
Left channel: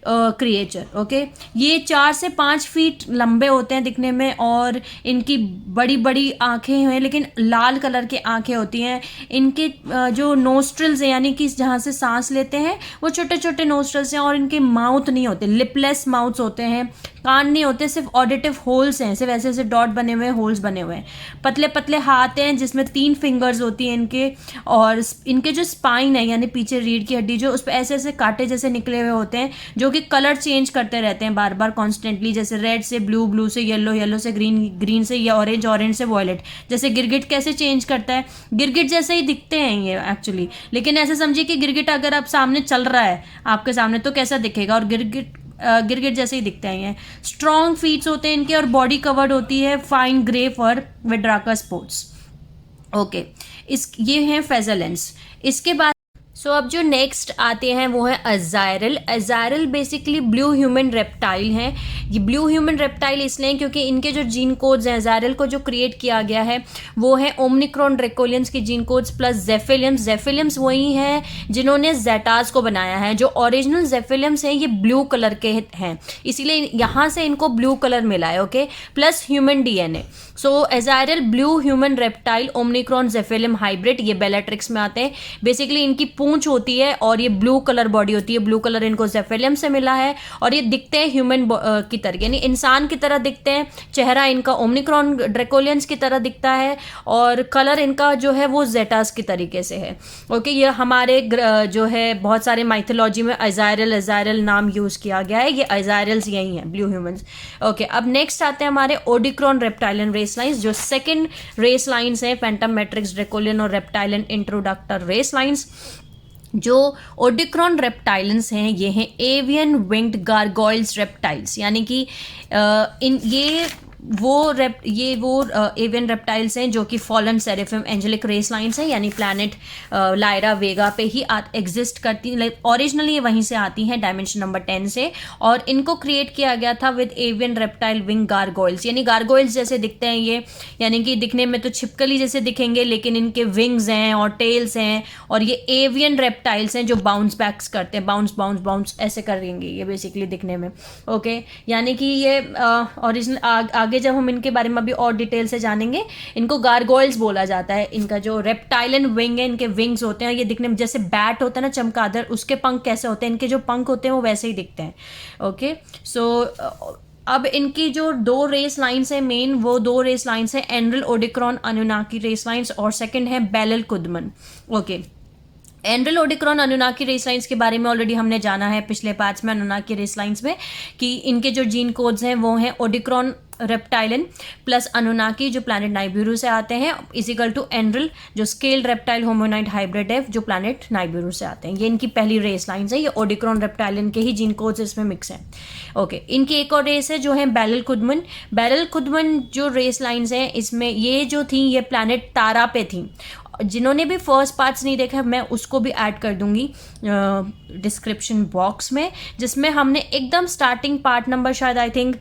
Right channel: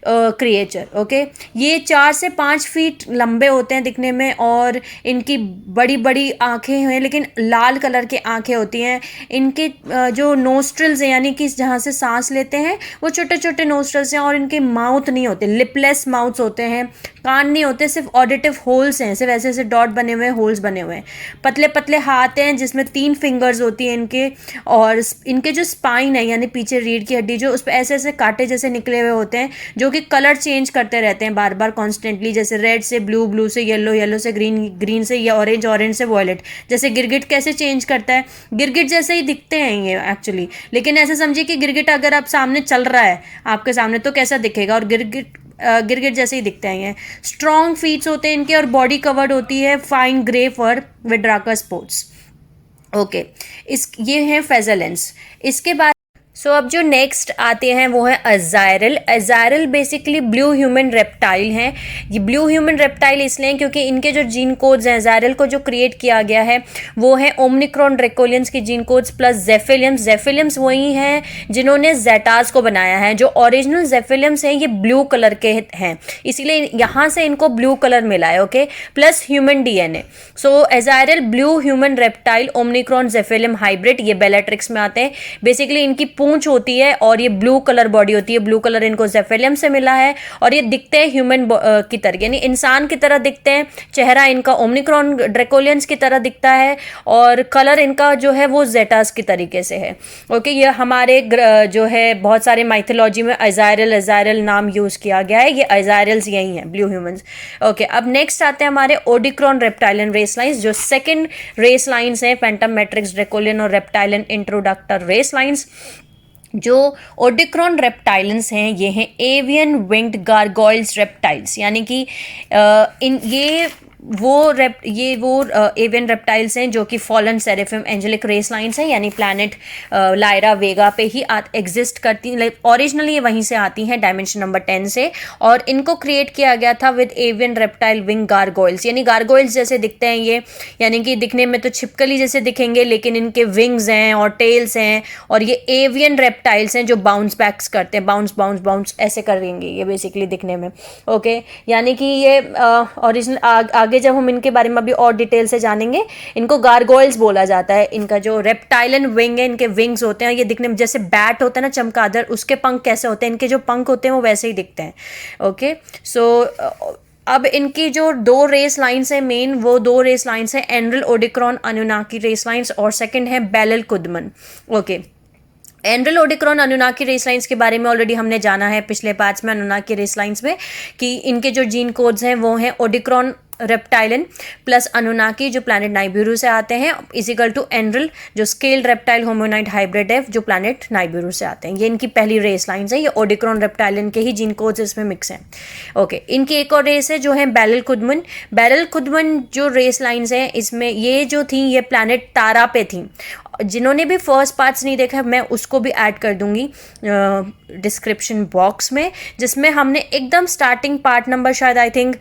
क्रिएचर। ओके, ये 4 से 5 फीट लंबे होते हैं दिखने में, और इनकी बड़ी बड़ी आंखें हैं, लेकिन लाल कलर की आंखें होती हैं। इनके जो नोस्ट्रल्स हैं, यानी कि जहाँ से सांस लेते हैं वो छोटे छोटे नोस्ट्रल्स हैं, और इनके माउथ नहीं होते, लिपलेस माउथ्स होते हैं, कान नहीं होते, सिर्फ ऑडिटिव होल्स हैं, सिर्फ ऐसे ऐसे डॉट बने हुए हैं, होल्स बने हुए हैं। पतले पतले हाथ हैं जिसमें 3 फिंगर्स होती हैं इनके, और इनके जो स्पाइन है यानी पीछे रीढ़ की हड्डी, जो उस पर ऐसे ऐसे कांटे जैसे निकले हुए होते हैं, जो कि कलर चेंज करते रहते हैं बार बार कॉन्स्टेंटली, जैसे रेड से ब्लू, ब्लू से येलो, येलो से ग्रीन, ग्रीन से या ऑरेंज, ऑरेंज से वॉयलेट। जैसे गिरगिट कैसे चेंज करता है, गिरगिट जैसे ही दिखते हैं ये एक्चुअली, लेकिन ऐसे समझिए कि गिरगिट अगर आप सामने चल रहा है आपके सामने तो कैसा दिखेगा, और गिरगिट जैसे ही दिखते हैं ये। स्ट्रॉन्ग फीट्स होते हैं इनके, और बॉडी कवर्ड होती है fine grey fur with darker spots. Okay ये है फेजलेंस। इसके बाद अब जो नेक्स्ट आते हैं वो है अजायरल। अजायरल बेसिकली ब्लू ह्यूमन रेप्टाइल हैं। ये ब्लू ह्यूमन रेप्टाइल इसलिए क्योंकि इनके जो जीन कोड्स हैं, अजायरल को जो क्रिएट किया गया है वो है ओमनिक्रॉन ड्रैकोलियंस के जीन कोड्स प्लस जेफिलियम्स। जेफिलियम्स वही हैं जिन्होंने जेटास को बनाया है। जो ओरिजिनल जेफिलियम्स हैं ये ब्लू कलर के हैं, इसीलिए यहाँ से इनको ब्लू कलर मिला है। Okay, plus human DNA. So Azurial blue human reptile Omicron Zephelium hybrid, ये बेलाट्रिक्स में आते हैं। बेसिकली इनकी पूंछ होती है और ये ब्लू कलर बॉडी होती है। ब्लू कलर इनको जेफिलियम से मिला है और ये दिखते हैं ह्यूमन की तरह, यानी इंसान की तरह दिखते हैं। चेहरा इनका ओमनिक्रॉन ड्रैकोलियंस की तरह दिखता है और कलर इनका जो है वो जेटास की तरीके से है। ओके, ये हमारे जो है बहुत सारे माइथोलॉजी में अजायरल नाम यूज किया गया है। ये अजायरल्स यही हैं, ब्लू ह्यूमंस। ओके, अब नेक्स्ट आते हैं हमारे ओडिक्रॉन रेप्टाइलियन रेस लाइंस, जो सेकंड रेस लाइंस हैं पैंटम मैट्रिक्स ड्रैकोलियन और रेप्टाइलियन इंट्रोडक्टर रेस लाइंस। जो ओडिक्रॉन रेप्टाइलेंस हैं ये हैं एवियन विंग्ड गारगोइल्स रेप्टाइल्स, यानी कि ये वो एवियन रेप्टाइल्स हैं जो कि फॉलन सेरेफिम एंजेलिक रेस लाइन्स हैं, यानी प्लैनेट लायरा वेगा पे ही एग्जिस्ट करती हैं। ओरिजिनली ये वहीं से आती हैं, डायमेंशन नंबर 10 से। और इनको क्रिएट किया गया था विद एवियन रेप्टाइल विंग गारगोइल्स, यानी गारगोइल्स जैसे दिखते हैं ये, यानी कि दिखने में तो छिपकली जैसे दिखेंगे लेकिन इनके विंग्स हैं और टेल्स हैं। और ये एवियन रेप्टाइल्स हैं जो बाउंस बैक्स करते हैं, बाउंस बाउंस बाउंस ऐसे करेंगे ये बेसिकली दिखने में। ओके, यानी कि ये ओरिजिनल आगे जब हम इनके बारे में अभी और डिटेल से जानेंगे, इनको गारगोइल्स बोला जाता है। इनका जो रेप्टाइलन विंग है, इनके विंग्स होते हैं, ये दिखने में जैसे बैट होता है ना चमगादड़, उसके पंख कैसे होते हैं, इनके जो पंख होते हैं वो वैसे ही दिखते हैं। ओके, सो अब इनकी जो दो रेस लाइन्स हैं मेन, वो दो रेस लाइन्स हैं एंड्रल ओडिक्रॉन अनुनाकी रेस लाइन्स और सेकंड है बेलल कुदमन। ओके, एंड्रल ओडिक्रॉन अनुनाकी रेस लाइन्स के बारे में ऑलरेडी हमने जाना है पिछले पार्ट्स में, अनुनाकी रेस लाइन्स में, कि इनके जो जीन कोड्स हैं वो हैं ओडिक्रॉन रेप्टाइलन प्लस अनुनाकी जो प्लैनेट नाइबिरू से आते हैं इजिकल टू एंड्रल जो स्केल्ड रेप्टाइल होमोनाइट हाइब्रिड है जो प्लैनेट नाइबिरू से आते हैं। ये इनकी पहली रेस लाइन्स है। ये ओडिक्रॉन रेप्टाइलन के ही जीन कोड्स इसमें मिक्स हैं। ओके, इनकी एक और रेस है जो है बेलल कुदमन। बेलल कुदमन जो रेस लाइन्स हैं इसमें ये जो थी ये प्लैनेट तारा पे थी। जिन्होंने भी फर्स्ट पार्ट्स नहीं देखा मैं उसको भी ऐड कर दूंगी डिस्क्रिप्शन बॉक्स में, जिसमें हमने एकदम स्टार्टिंग पार्ट नंबर शायद आई थिंक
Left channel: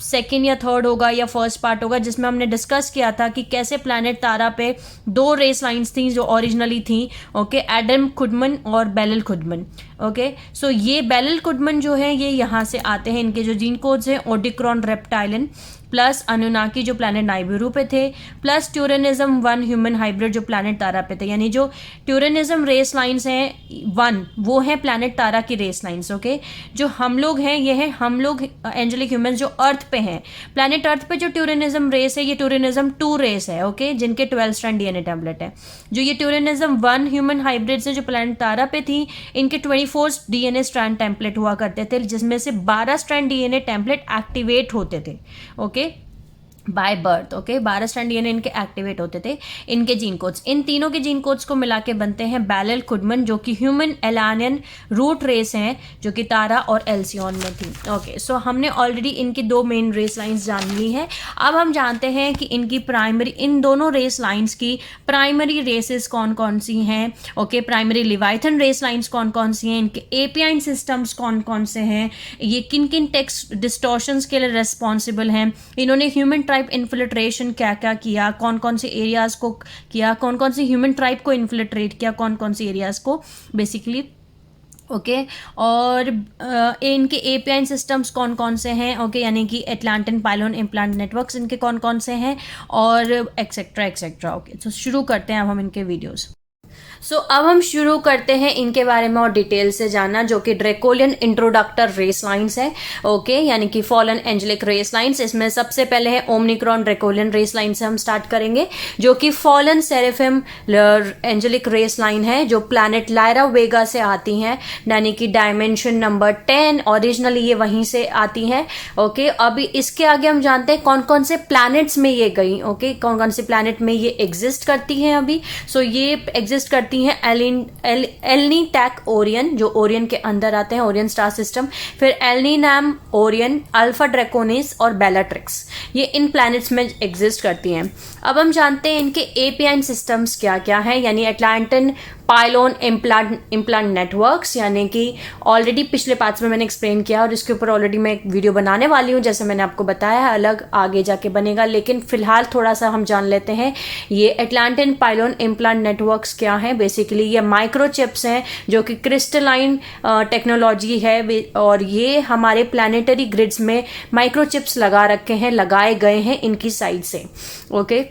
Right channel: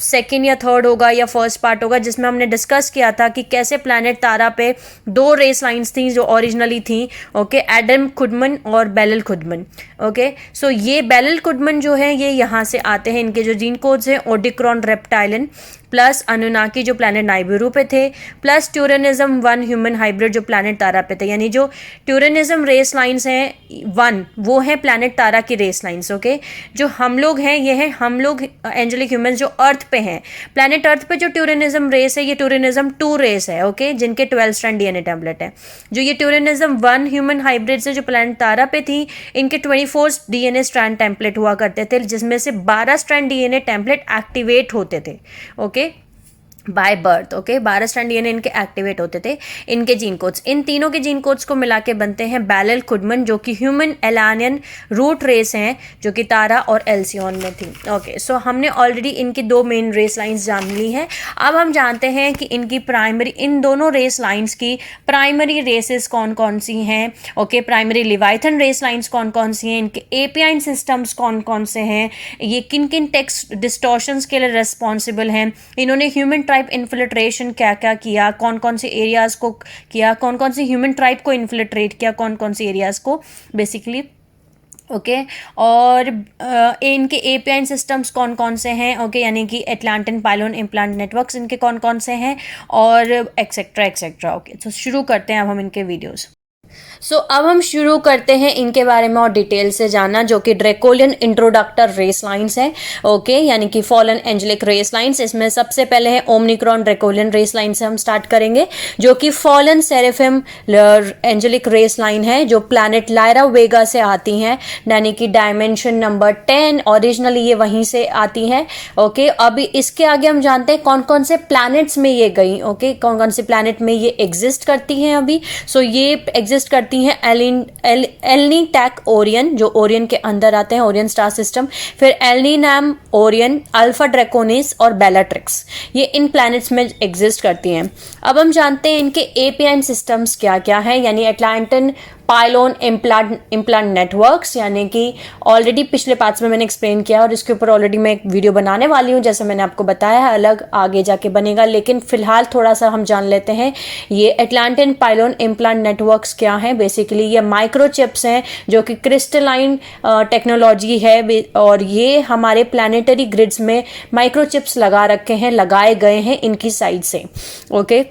सेकेंड या थर्ड होगा या फर्स्ट पार्ट होगा, जिसमें हमने डिस्कस किया था कि कैसे प्लैनेट तारा पे दो रेस लाइन्स थी जो ओरिजिनली थी। ओके, एडम कुडमन और बेलल कुडमन। ओके, सो ये बेलल कुडमन जो है ये यहाँ से आते हैं। इनके जो जीन कोड्स हैं ओडिक्रॉन रेप्टाइलन प्लस अनुनाकी जो प्लैनेट नाइबिरू पे थे प्लस ट्यूरेनिज्म 1 ह्यूमन हाइब्रिड जो प्लैनेट तारा पे थे। यानी जो ट्यूरेनिज्म रेस लाइन्स हैं 1 वो है प्लैनेट तारा की रेस लाइन्स। ओके, जो हम लोग हैं ये है हम लोग एंजेलिक ह्यूमंस जो अर्थ पे हैं। प्लैनेट अर्थ पे जो ट्यूरेनिज्म रेस है ये ट्यूरेनिज्म 2 रेस है। ओके, जिनके 12 स्ट्रैंड डीएनए टेम्पलेट है। जो ये ट्यूरेनिज्म 1 ह्यूमन हाइब्रिड्स है जो प्लैनेट तारा पे थी, इनके 24 डीएनए स्ट्रैंड टेम्पलेट हुआ करते थे, जिसमें से 12 स्ट्रैंड डीएनए टेम्पलेट एक्टिवेट होते थे। Okay, by birth. Okay, 12 strand DNA इनके एक्टिवेट होते थे। इनके जीन कोड्स, इन तीनों के जीन कोड्स को मिला के बनते हैं बेलल कुडमन जो कि ह्यूमन एलानियन रूट रेस हैं जो कि तारा और एल्सियन में थी। ओके, सो हमने ऑलरेडी इनकी दो मेन रेस लाइंस जान ली हैं। अब हम जानते हैं कि इनकी प्राइमरी, इन दोनों रेस लाइंस की प्राइमरी रेसेस कौन कौन सी हैं। ओके, प्राइमरी लिवाइथन रेस लाइंस कौन कौन सी हैं, इनके एपियाइन सिस्टम्स कौन कौन से हैं, ये किन किन टेक्स्ट डिस्टॉर्शंस के लिए रेस्पॉन्सिबल हैं, इन्होंने ह्यूमन ट्राइब इन्फिल्ट्रेशन क्या क्या किया, कौन कौन से एरियाज को किया, कौन कौन से ह्यूमन ट्राइब को इन्फिल्ट्रेट किया, कौन कौन से एरियाज को बेसिकली। ओके, और इनके एपीआई सिस्टम्स कौन कौन से हैं। ओके, यानी कि एटलांटिन पाइलोन इम्प्लांट नेटवर्क्स इनके कौन कौन से हैं और एक्सेट्रा एक्सेट्रा। ओके, तो शुरू करते हैं अब हम इनके वीडियोस। अब हम शुरू करते हैं इनके बारे में और डिटेल से जानना, जो कि ड्रैकोलियन इंट्रोडक्टर रेस लाइन्स है। ओके, यानी कि फॉलन एंजेलिक रेस लाइन्स। इसमें सबसे पहले है ओमनिक्रॉन ड्रैकोलियन रेस लाइन से हम स्टार्ट करेंगे, जो कि फॉलन सेरेफिम एंजेलिक रेस लाइन है जो प्लैनेट लायरा वेगा से आती हैं, यानी कि डायमेंशन नंबर 10 ओरिजिनली ये वहीं से आती हैं। ओके, अभी इसके आगे हम जानते हैं कौन कौन से प्लैनेट्स में ये गई। ओके, कौन कौन से प्लैनेट में ये एग्जिस्ट करती हैं अभी। ये एग्जिस्ट करती करती हैं एलनी टैक ओरियन, जो ओरियन के अंदर आते हैं, ओरियन स्टार सिस्टम, फिर एलनीनैम ओरियन, अल्फा ड्रैकोनिस और बेलाट्रिक्स, ये इन प्लैनेट्स में एग्जिस्ट करती हैं। अब हम जानते हैं इनके एपीआई सिस्टम्स क्या क्या हैं, यानी अटलांटिन पाइलोन इम्प्लांट नेटवर्क्स, यानी कि ऑलरेडी पिछले पार्ट्स में मैंने एक्सप्लेन किया और इसके ऊपर ऑलरेडी मैं एक वीडियो बनाने वाली हूँ, जैसे मैंने आपको बताया है, अलग आगे जाके बनेगा, लेकिन फिलहाल थोड़ा सा हम जान लेते हैं ये अटलांटिन पाइलोन इम्प्लांट नेटवर्क्स क्या हैं। बेसिकली ये माइक्रोचिप्स हैं जो कि क्रिस्टलाइन टेक्नोलॉजी है, और ये हमारे प्लानिटरी ग्रिड्स में माइक्रोचिप्स लगाए गए हैं इनकी साइड से। ओके,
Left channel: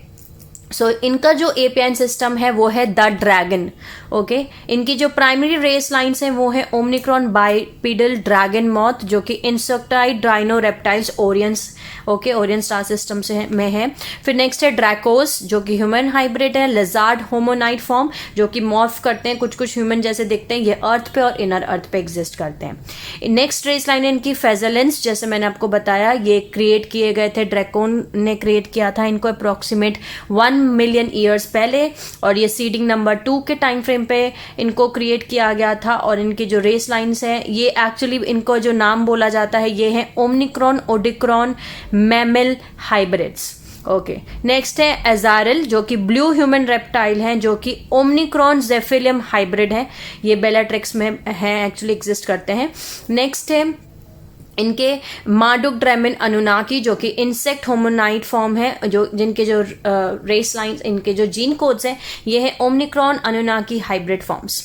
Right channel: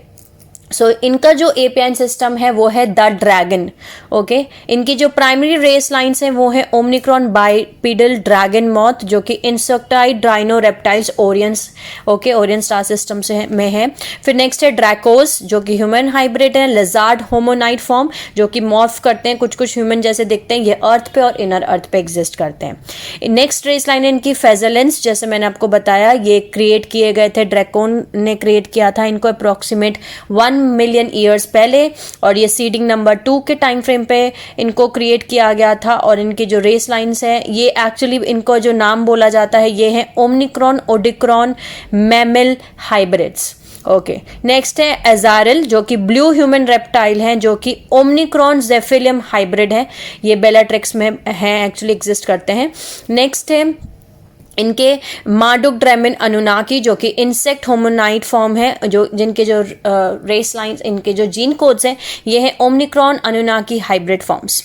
सो इनका जो एपीआई सिस्टम है वो है द ड्रैगन। ओके, इनकी जो प्राइमरी रेस लाइन्स हैं वो है ओमनिक्रॉन बाइपिडल ड्रैगन मॉथ, जो कि insectoid Dryno reptiles Orions, okay, Orion star system से में है। फिर नेक्स्ट है ड्रैकोस, जो कि ह्यूमन हाइब्रिड है, लिजार्ड होमोनाइड फॉर्म, जो कि मॉर्फ करते हैं, कुछ ह्यूमन जैसे दिखते हैं, ये अर्थ पे और इनर अर्थ पे एग्जिस्ट करते हैं। नेक्स्ट रेस लाइन है इनकी फेजेलेंस, जैसे मैंने आपको बताया, ये क्रिएट किए गए थे, ड्रैकोन ने क्रिएट किया था इनको अप्रोक्सीमेट 1 मिलियन ईयर्स पहले, और ये सीडिंग नंबर 2 के टाइम फ्रेम पे इनको क्रिएट किया गया था। और इनकी जो रेस लाइंस है, ये एक्चुअली इनको जो नाम बोला जाता है ये है Omicron Odicron mammal hybrids. Okay, next है एजारल, जो कि ब्लू ह्यूमन रेप्टाइल हैं, जो कि ओमनिक्रॉन जेफिलियम हाइब्रिड है, ये बेलाट्रिक्स में हैं, एक्चुअली एग्जिस्ट करते हैं। नेक्स्ट है इनके मार्डुक ड्रैमिन अनुनाकी, जो कि इंसेक्ट होमोनाइड फॉर्म है, जिनके जो रेस लाइंस, इनके जो जीन कोड्स हैं, ये है ओमनिक्रॉन अनुनाकी हाइब्रिड फॉर्म्स।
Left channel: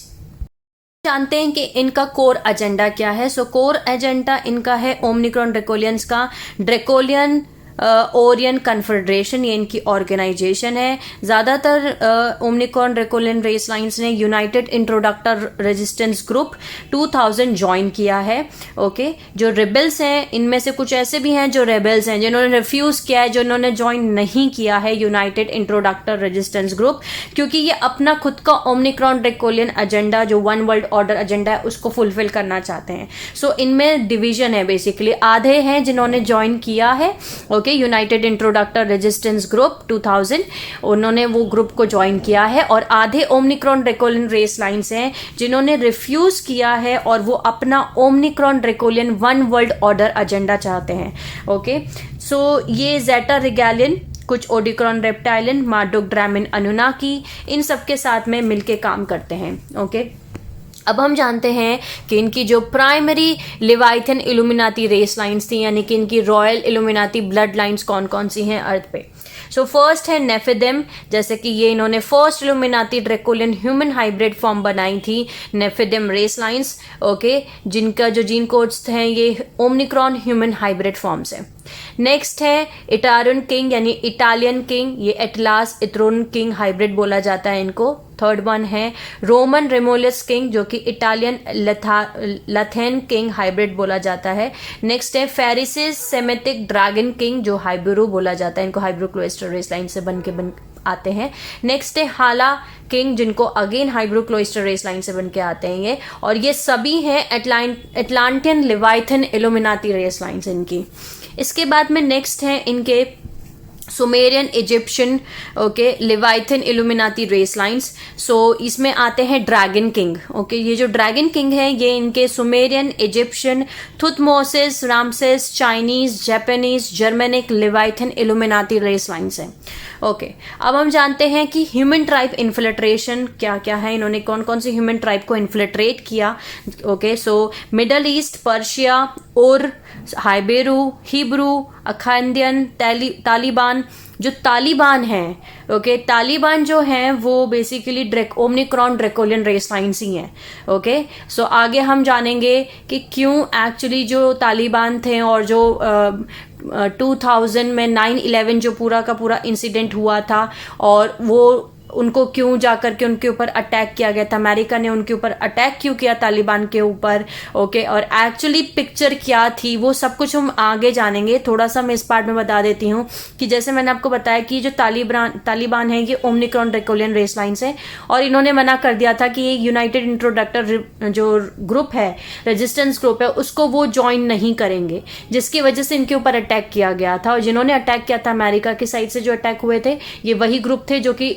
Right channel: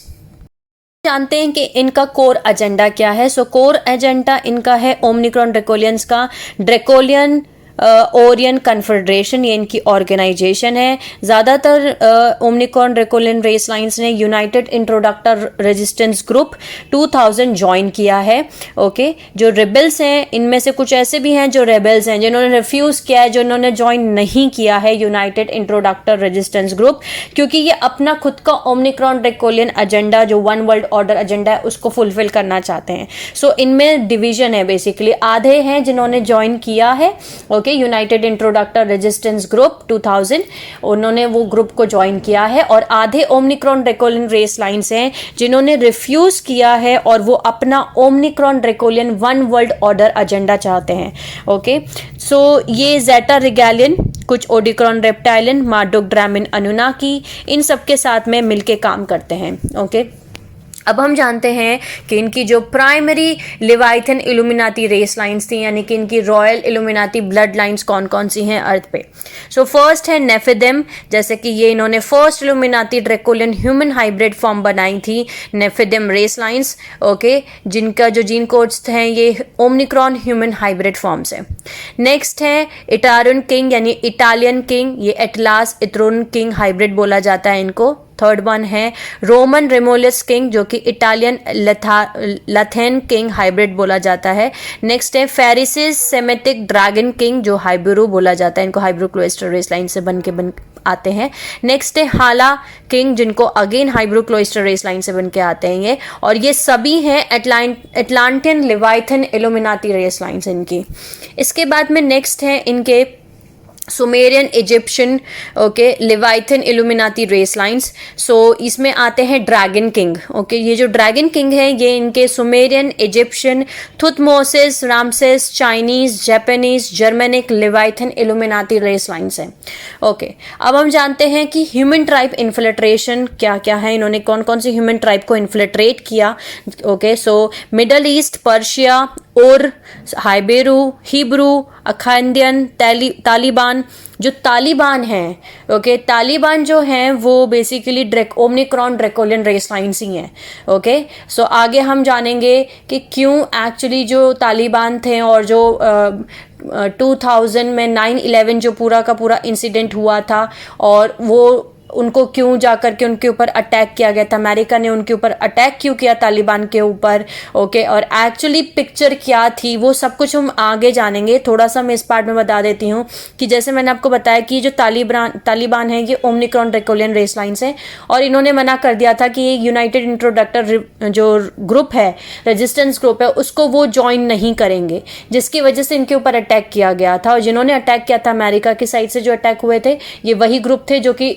जानते हैं कि इनका कोर एजेंडा क्या है। सो कोर एजेंडा इनका है ओमनिक्रॉन ड्रैकोलियंस का ड्रैकोलियन ओरियन कन्फेडरेशन, ये इनकी ऑर्गेनाइजेशन है। ज़्यादातर ओमनिक्रॉन ड्रैकोलियन रेस लाइन्स ने यूनाइटेड इंट्रोडक्टर रेजिस्टेंस ग्रुप 2000 ज्वाइन किया है। ओके, जो रेबल्स हैं इनमें से कुछ ऐसे भी हैं जो रेबल्स हैं जिन्होंने रिफ्यूज किया है, जिन्होंने ज्वाइन नहीं किया है यूनाइटेड इंट्रोडक्टर रेजिस्टेंस ग्रुप, क्योंकि ये अपना खुद का ओमनिक्रॉन ड्रैकोलियन एजेंडा, जो वन वर्ल्ड ऑर्डर एजेंडा है, उसको फुलफिल करना चाहते हैं। सो इनमें डिवीजन है, बेसिकली आधे हैं जिन्होंने ज्वाइन किया है, यूनाइटेड इंट्रोडक्टर रेजिस्टेंस ग्रुप 2000, उन्होंने वो ग्रुप को ज्वाइन किया है, और आधे ओमनिक्रॉन ड्रैकोलियन रेस लाइन्स हैं जिन्होंने रिफ्यूज किया है और वो अपना Omicron Draconian one world order agenda चाहते हैं। ओके, सो ये जेटा रिगैलियन, कुछ ओडिक्रॉन रेप्टाइलियन, मार्डुक ड्रैमिन अनुनाकी, इन सब के साथ में मिलके काम करते हैं। ओके, अब हम जानते हैं कि इनकी जो प्राइमरी लिवाइथन इल्यूमिनाती रेस लाइन्स थी, यानी कि इनकी रॉयल इल्यूमिनाती ब्लड लाइन्स कौन कौन सी हैं अर्थ पे। सो फर्स्ट है नेफिदिम, जैसे कि ये इन्होंने first Illuminati Draconian human hybrid form बनाई थी, नेफिदिम रेस लाइन्स। ओके, जिनका जो जीन कोड्स हैं ये ओमनिक्रॉन ह्यूमन हाइब्रिड फॉर्म्स है। नेक्स्ट है इटारन किंग, यानी इटालियन किंग, ये एटलास इतरुन किंग हाइब्रिड बोला जाता है इनको। थर्ड वन है रोमन रेमोलियस किंग, जो कि इटालियन लथेन किंग हाइब्रिड बोला जाता है। नेक्स्ट है फेरिसिस सेमेटिक ड्रैगन किंग, जो हाइब्रू बोला जाता है, इनको हाइब्रू क्लोइस्टर रेस लाइन से बन आते हैं। नेक्स्ट है हाला किंग, जिनको अगेन हाइब्रू क्लोइस्टर रेस लाइन से बन के आते हैं ये, और ये सभी हैं Atlantean Leviathan Illuminati race lines इनकी। इसके बाद में नेक्स्ट है इनके Sumerian Egyptian, okay, Leviathan Illuminati race lines. So इसमें आते हैं ड्रैगन किंग। ओके, ये जो ड्रैगन किंग है ये इनके Sumerian, Egyptian, Thutmosis, Ramses, Chinese, Japanese, Germanic, Leviathan Illuminati race lines हैं। ओके, अब हम जानते हैं कि ह्यूमन ट्राइब इन्फिल्ट्रेशन क्या क्या है, इन्होंने कौन कौन सी ह्यूमन ट्राइब को इन्फिल्ट्रेट किया। Okay, so middle east, Persia, उर, हाइबेरू, हिब्रू, अखांदियन, तालिबान। जो तालिबान हैं, ओके, तालिबान जो हैं वो basically Omicron draconian race lines ही हैं। ओके, सो आगे हम जानेंगे कि क्यों एक्चुअली जो तालिबान थे और जो 2000 में 9/11 जो पूरा का पूरा इंसिडेंट हुआ था, और वो उनको क्यों जाकर के उनके ऊपर अटैक किया गया था, अमेरिका ने उनके ऊपर अटैक क्यों किया तालिबान के ऊपर। ओके, और एक्चुअली पिक्चर क्या थी, वो सब कुछ हम आगे जानेंगे। थोड़ा सा मैं इस पार्ट में बता देती हूँ कि जैसे मैंने आपको बताया कि जो तालिबान है ये ओमनिक्रॉन ड्रैकोलियन रेस लाइन्स है, और इन्होंने मना कर दिया था कि ये यूनाइटेड इंट्रोडक्टर जो ग्रुप है, रेजिस्टेंस ग्रुप है, उसको वो ज्वाइन नहीं करेंगे, जिसकी वजह से इनके ऊपर अटैक किया गया था। और जिन्होंने अटैक किया था अमेरिका की साइड से जो अटैक हुए थे, ये वही ग्रुप थे जो कि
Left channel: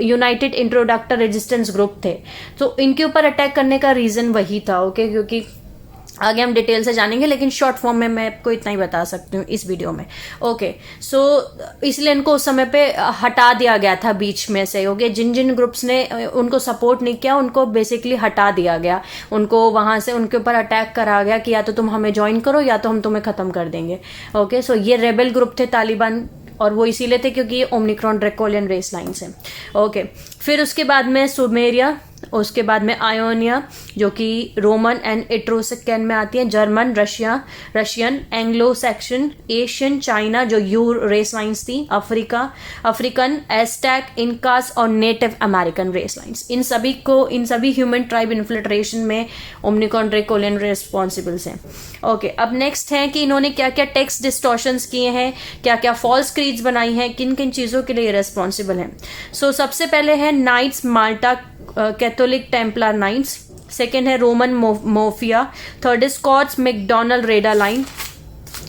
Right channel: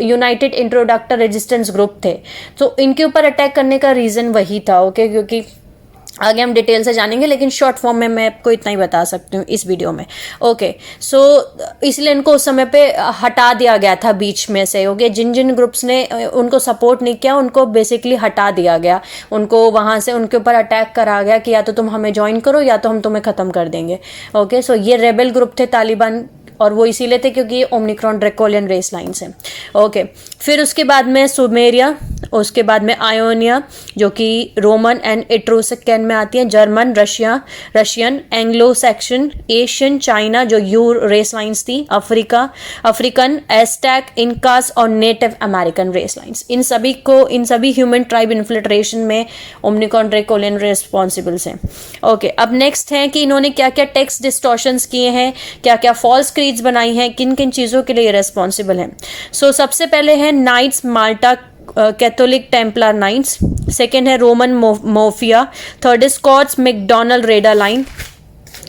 यूनाइटेड इंट्रोडक्टर रेजिस्टेंस ग्रुप थे, तो इनके ऊपर अटैक करने का रीज़न वही था। ओके, क्योंकि आगे हम डिटेल से जानेंगे, लेकिन शॉर्ट फॉर्म में मैं आपको इतना ही बता सकती हूँ इस वीडियो में। ओके, सो इसलिए इनको उस समय पे हटा दिया गया था बीच में से। ओके, जिन जिन ग्रुप्स ने उनको सपोर्ट नहीं किया उनको बेसिकली हटा दिया गया, उनको वहां से उनके ऊपर अटैक करा गया कि या तो तुम हमें ज्वाइन करो या तो हम तुम्हें खत्म कर देंगे। ओके, सो ये रेबल ग्रुप थे तालिबान, और वो इसीलिए थे क्योंकि ये ओमिक्रॉन ड्रैकोलियन रेस लाइन्स हैं। ओके, फिर उसके बाद में सुमेरिया, उसके बाद में आयोनिया जो कि रोमन एंड एट्रोस्कैन में आती है, German, Russian, Anglo Saxon, Asian, China जो यू रेस लाइन्स थी, अफ्रीकन, एस्टैक, इनकास और नेटिव अमेरिकन रेस लाइन्स। इन सभी ह्यूमन ट्राइब इन्फिल्ट्रेशन में ओमिक्रॉन ड्रैकोलियन रिस्पॉन्सिबल्स हैं। ओके, अब नेक्स्ट है कि इन्होंने क्या क्या टेक्स्ट डिस्टॉर्शंस किए हैं, क्या क्या फॉल्स क्रीड्स बनाई हैं, किन किन चीज़ों के लिए रेस्पॉन्सिबल हैं। सो सबसे पहले है नाइट्स माल्टा कैथोलिक टेम्पलर नाइट्स, सेकेंड है रोमन मोफिया, थर्ड है स्कॉट्स मैकडोनल्ड रेडा लाइन,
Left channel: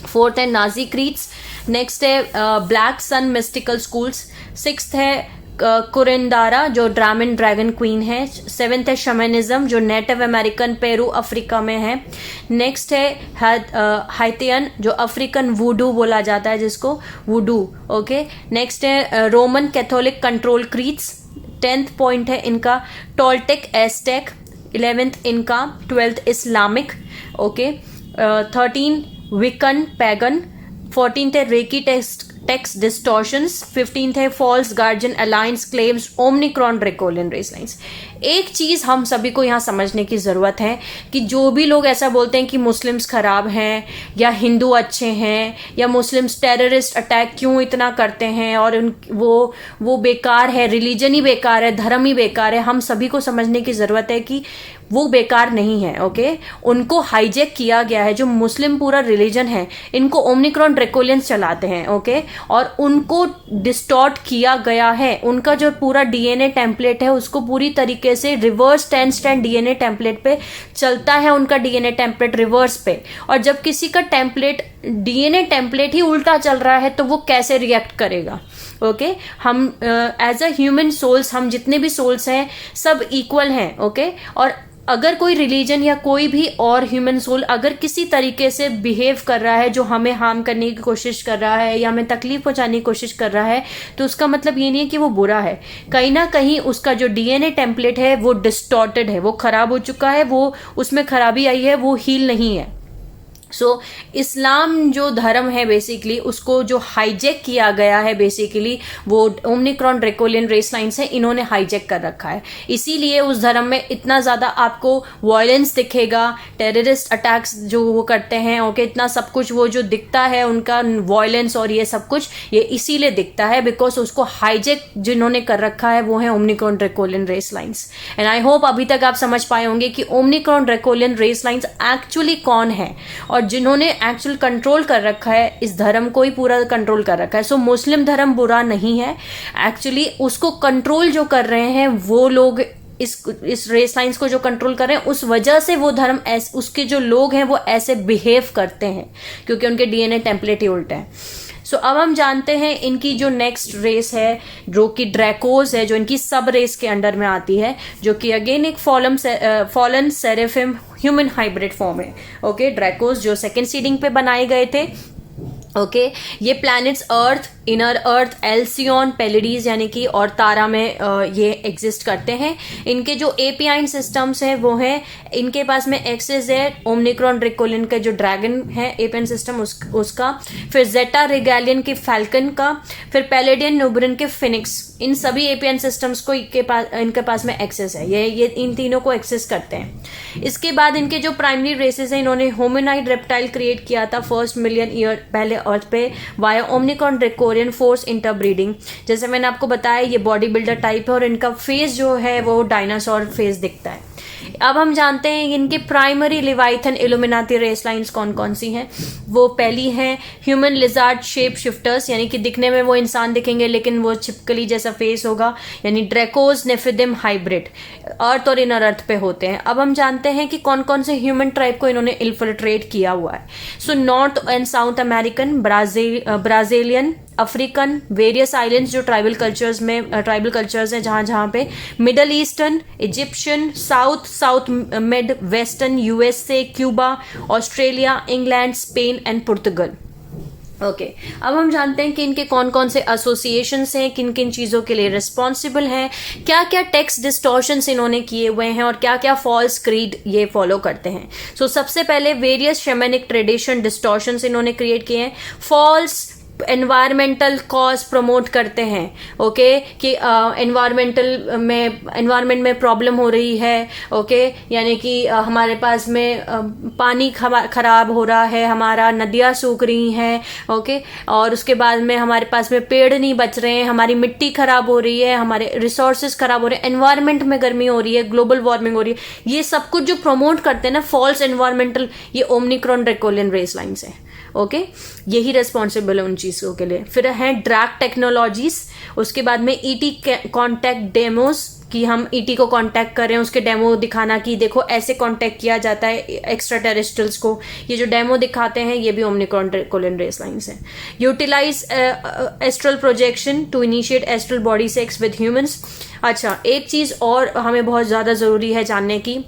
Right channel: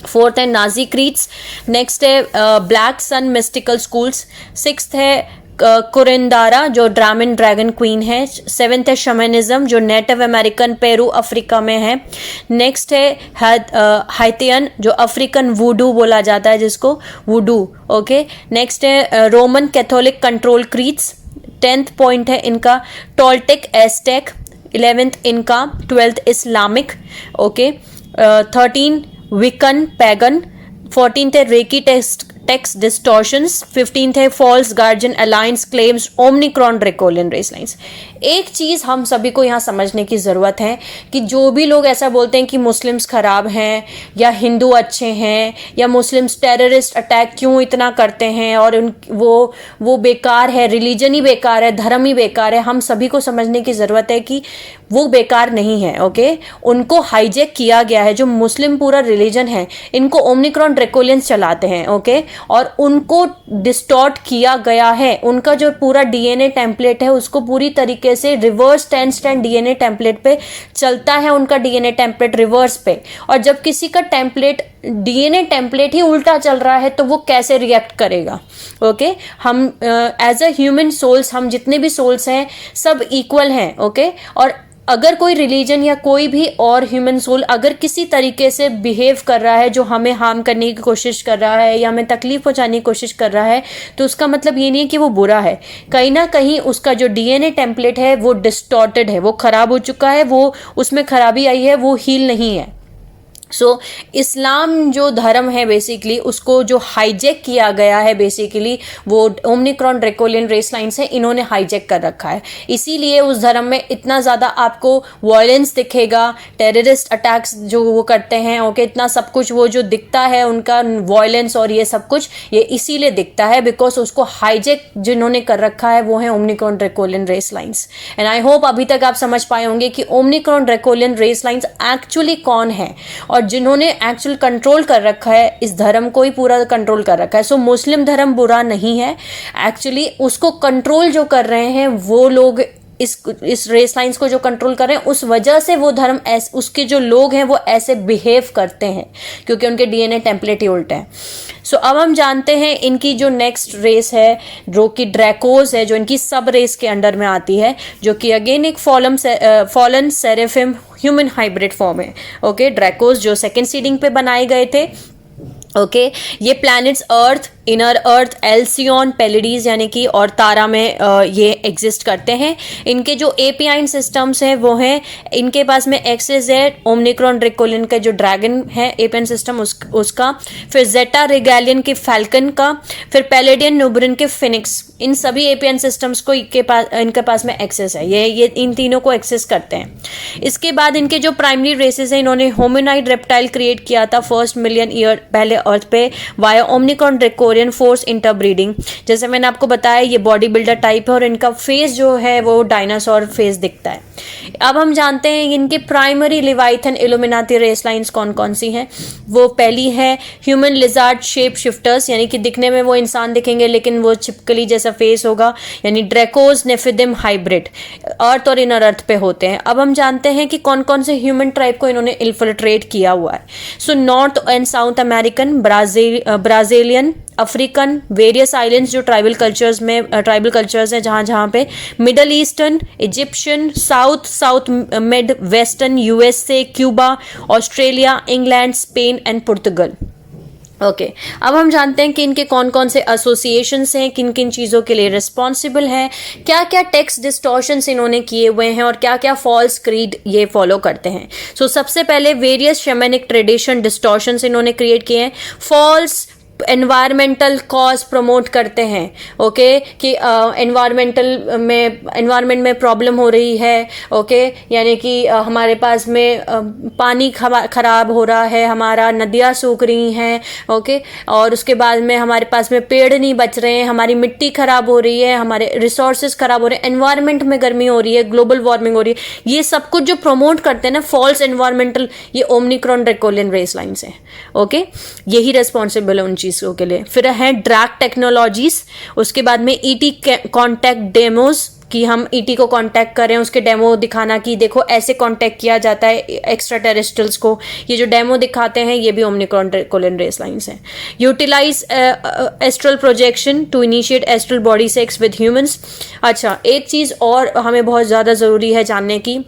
फोर्थ है नाजी क्रीट्स, नेक्स्ट है black sun mystical schools, sixth है कुरिंदारा जो ड्रामन ड्रैगन क्वीन है, सेवेंथ है शमनिज्म जो नेटिव अमेरिकन पेरू अफ्रीका में है, नेक्स्ट है हाइतियन जो अफ्रीकन वुडू बोला जाता है जिसको वुडू। ओके, नेक्स्ट है Roman Catholic control creeds, 10th point है इनका टोल्टेक एस्टेक, 11th इनका, 12th Islamic. Okay, 13 विकन pagan, 14th है रेकी टेक्स्ट डिस्टॉर्शंस, 15th है false guardian alliance claims Omicron Draconian race lines. एक चीज हम सभी को यहाँ समझने की जरूरत है कि जो भी लोग ऐसा बोलते हैं कि मुस्लिम्स खराब हैं या हिंदू अच्छे हैं या मुस्लिम्स टेररिस्ट अटैक क्यों इतना करते हैं और वो बेकार है, रिलीजन ही बेकार है, धर्म ही बेकार है, हम सभी को समझने की जरूरत है कि वो बेकार नहीं है। ओके, उनको हाईजैक किया गया है। जो मुस्लिम पूरा रिलीजन है इनको ओमिक्रॉन ड्रैकोलियंस चलाते हैं। ओके, और उनको डिस्टॉर्ट किया गया है, उनका जो पूरा डीएनए टेम्पलेट है उसको पूरी तरीके से रिवर्स 10 स्ट्रैंड डीएनए टेम्पलेट पे चलता है, उनका डीएनए टेम्पलेट रिवर्स पे। और जब किसी का टेम्पलेट डीएनए टेम्पलेट ही उल्टा चल रहा है तो वो कैसे रिएक्ट करेगा। ओके, हम एज अ ह्यूमन सोल्स, हम जितने भी सोल्स हैं सब इक्वल हैं। ओके, और अगर कोई रिलीजन या कोई भी और ह्यूमन सोल अगर किसी तरीके से बिहेव कर रहा है जो हमें हार्म करने की कोशिश कर रहा है या हमें तकलीफ पहुंचाने की कोशिश कर रहा है, तो उसका मतलब ये नहीं है कि वो बुरा है। कहीं ना कहीं उसका जो डीएनए टेम्पलेट है वो डिस्टॉर्टेड है, वो खराब हो चुका है, वो उसमें खराबी आई है, वो हील नहीं है। इस्लाम जो धर्म है बेसिकली उसको जो हाईजैक किया गया है, बेसिकली वो ओमिक्रॉन ड्रैकोलियन रेस लाइन्स है, इन्होंने हाईजैक कर रखा है। इसीलिए उस धर्म में इतना ज़्यादा आपको वायलेंस दिखेगा, टेररिस्ट अटैक्स जो वो करते हैं। ओके, इतना सब कुछ वो जो दिखता है उनका वायलेंस और ये सब कुछ, ये इसीलिए दिखता है बिकॉज उसको हाईजैक जिन्होंने कर रखा है वो है Omicron Draconian race lines. And I hope अभी तक आप समझ पाए होंगे कि Omicron Draconian race lines actually कौन है और जिन्होंने एक्चुअल कंट्रोल कर रखा है, इस धर्म को ही पूरा कंट्रोल कर रखा है। सो मुस्लिम धर्म बुरा नहीं है, एक्चुअली उसको कंट्रोल जो कर रहे हैं वो लोग, इस रेस लाइन्स को जो कंट्रोल कर रहे हैं उस वजह से वो धर्म उसके जो लोग हैं वो ऐसे बिहेव करते हैं क्योंकि उनके डीएनए टेम्पलेट ही उल्टे हैं। सो अब हम जानते हैं इनकी जो नेक्स्ट रेस है जो कि ड्रैकोस है, जो इनकी सब रेस के अंडर में आती है, जो कि अगेन एक फॉलन सेरेफिम ह्यूमन हाइब्रिड फॉर्म है। ओके, ड्रैकोस जो सेकेंड सीडिंग पे बनाए गए थे। ओके, ये प्लैनेट्स अर्थ, इनर अर्थ, एल्सियन, पेलिडीज यानी कि और तारा में ये एग्जिस्ट करते हैं। इनके जो एपियाइन सिस्टम्स हैं वो हैं, इनके पास में एक्सेस है ओमिक्रॉन ड्रैकोलियन का जो ड्रैगन है एपियन सिस्टम उसका, फिर जेटा रेगैलियन के फैल्कन का, फिर पैलेडियन न्यूबरन के फिनिक्स। इन सभी एपियन सिस्टम्स को इनके पास में एक्सेस है, ये इन तीनों को एक्सेस करते हैं। इसके बाद इनके जो प्राइमरी रेसेस हैं, इन्होंने होमिनाइड रेप्टाइल क्रिएट किया था फर्स्ट मिलियन ईयर पहले अर्थ पे via Omicron draconian force interbreeding. जैसे मैंने आपको बताया ये बॉडी बिल्डर टाइप है और इनका फेस जो है वो डायनासोर फेस दिखता है। अब हम जानते हैं इनके प्राइमरी लिवाइथन इल्यूमिनाती रेस लाइन्स कौन कौन सी हैं। वो पहली है ह्यूमन लिजार्ड शेप शिफ्टर्स, यानी कि दिखने में वो इंसान दिखेंगे लेकिन वो छिपकली जैसा फेस होगा, यानी ड्रैकोस नेफिदिम हाइब्रिड, अर्थ और इनर अर्थ पे होते हैं। अब हम जानते हैं कि कौन कौन से ह्यूमन ट्राइब को इन्होंने इन्फिल्ट्रेट किया हुआ है। So north and south American, Brazilian, African various islands जो ट्राइबल कल्चर्स हैं जहाँ जहाँ पे, middle eastern, Egyptian, south mid western, USA, Cuba, Australia, England, Spain and Portugal. Okay अब हम जानते हैं कि इनके कौन कौन से एसोसिएशंस हैं, किन किन चीज़ों के लिए रिस्पॉन्सिबल हैं, क्या क्या टेक्स्ट डिस्टॉर्शंस इन्होंने किए हुए हैं और क्या क्या फॉल्स क्रीड ये फॉलो करते हैं। सो सबसे पहले वेरियस शेमेनिक ट्रेडिशन डिस्टॉर्शंस इन्होंने क्रिएट किए हैं। फॉल्स एनवायरमेंटल कॉज प्रमोट करते हैं, ओके कि एनवायरमेंट में प्रॉब्लम हो रही है, ओके यानी कि हमारे पास में पानी खराब हो रहा है, हमारा नदियाँ सूख रही हैं, ओके और उसके बाद में हमारे पास में पेड़ नहीं बच रहे हैं, हमारी मिट्टी खराब हो रही है, हमारे रिसोर्सेज खराब हो रहे हैं, एनवायरमेंट में गर्मी हो रही है, ग्लोबल वार्मिंग हो रही है। ये सब कुछ जो प्रमोट करते हैं ना फॉल्स एनवायरमेंटल, ये ओमनिक्रॉन ड्रैकोलियन रेस लाइन्स हैं, ओके यही रिस्पॉन्सिबल है उन चीज़ों के लिए। फिर है ड्रैग टेक्नोलॉजीज, उसके बाद में ईटी कॉन्टैक्ट डेमोज कि हम ईटी को कांटेक्ट करें, उसके डेमो दिखाना कि देखो ऐसे कांटेक्ट किया जाता है एक्स्ट्रा टेरेस्ट्रियल्स को, ये जो डेमो दिखाते हैं ये भी ओमनिक्रॉन ड्रैकोलियन रेस लाइन्स हैं। Utilize astral projection to initiate astral body sex with humans. अच्छा एक चीज़ और हमें बहुत ज़्यादा ज़रूरी है जानने की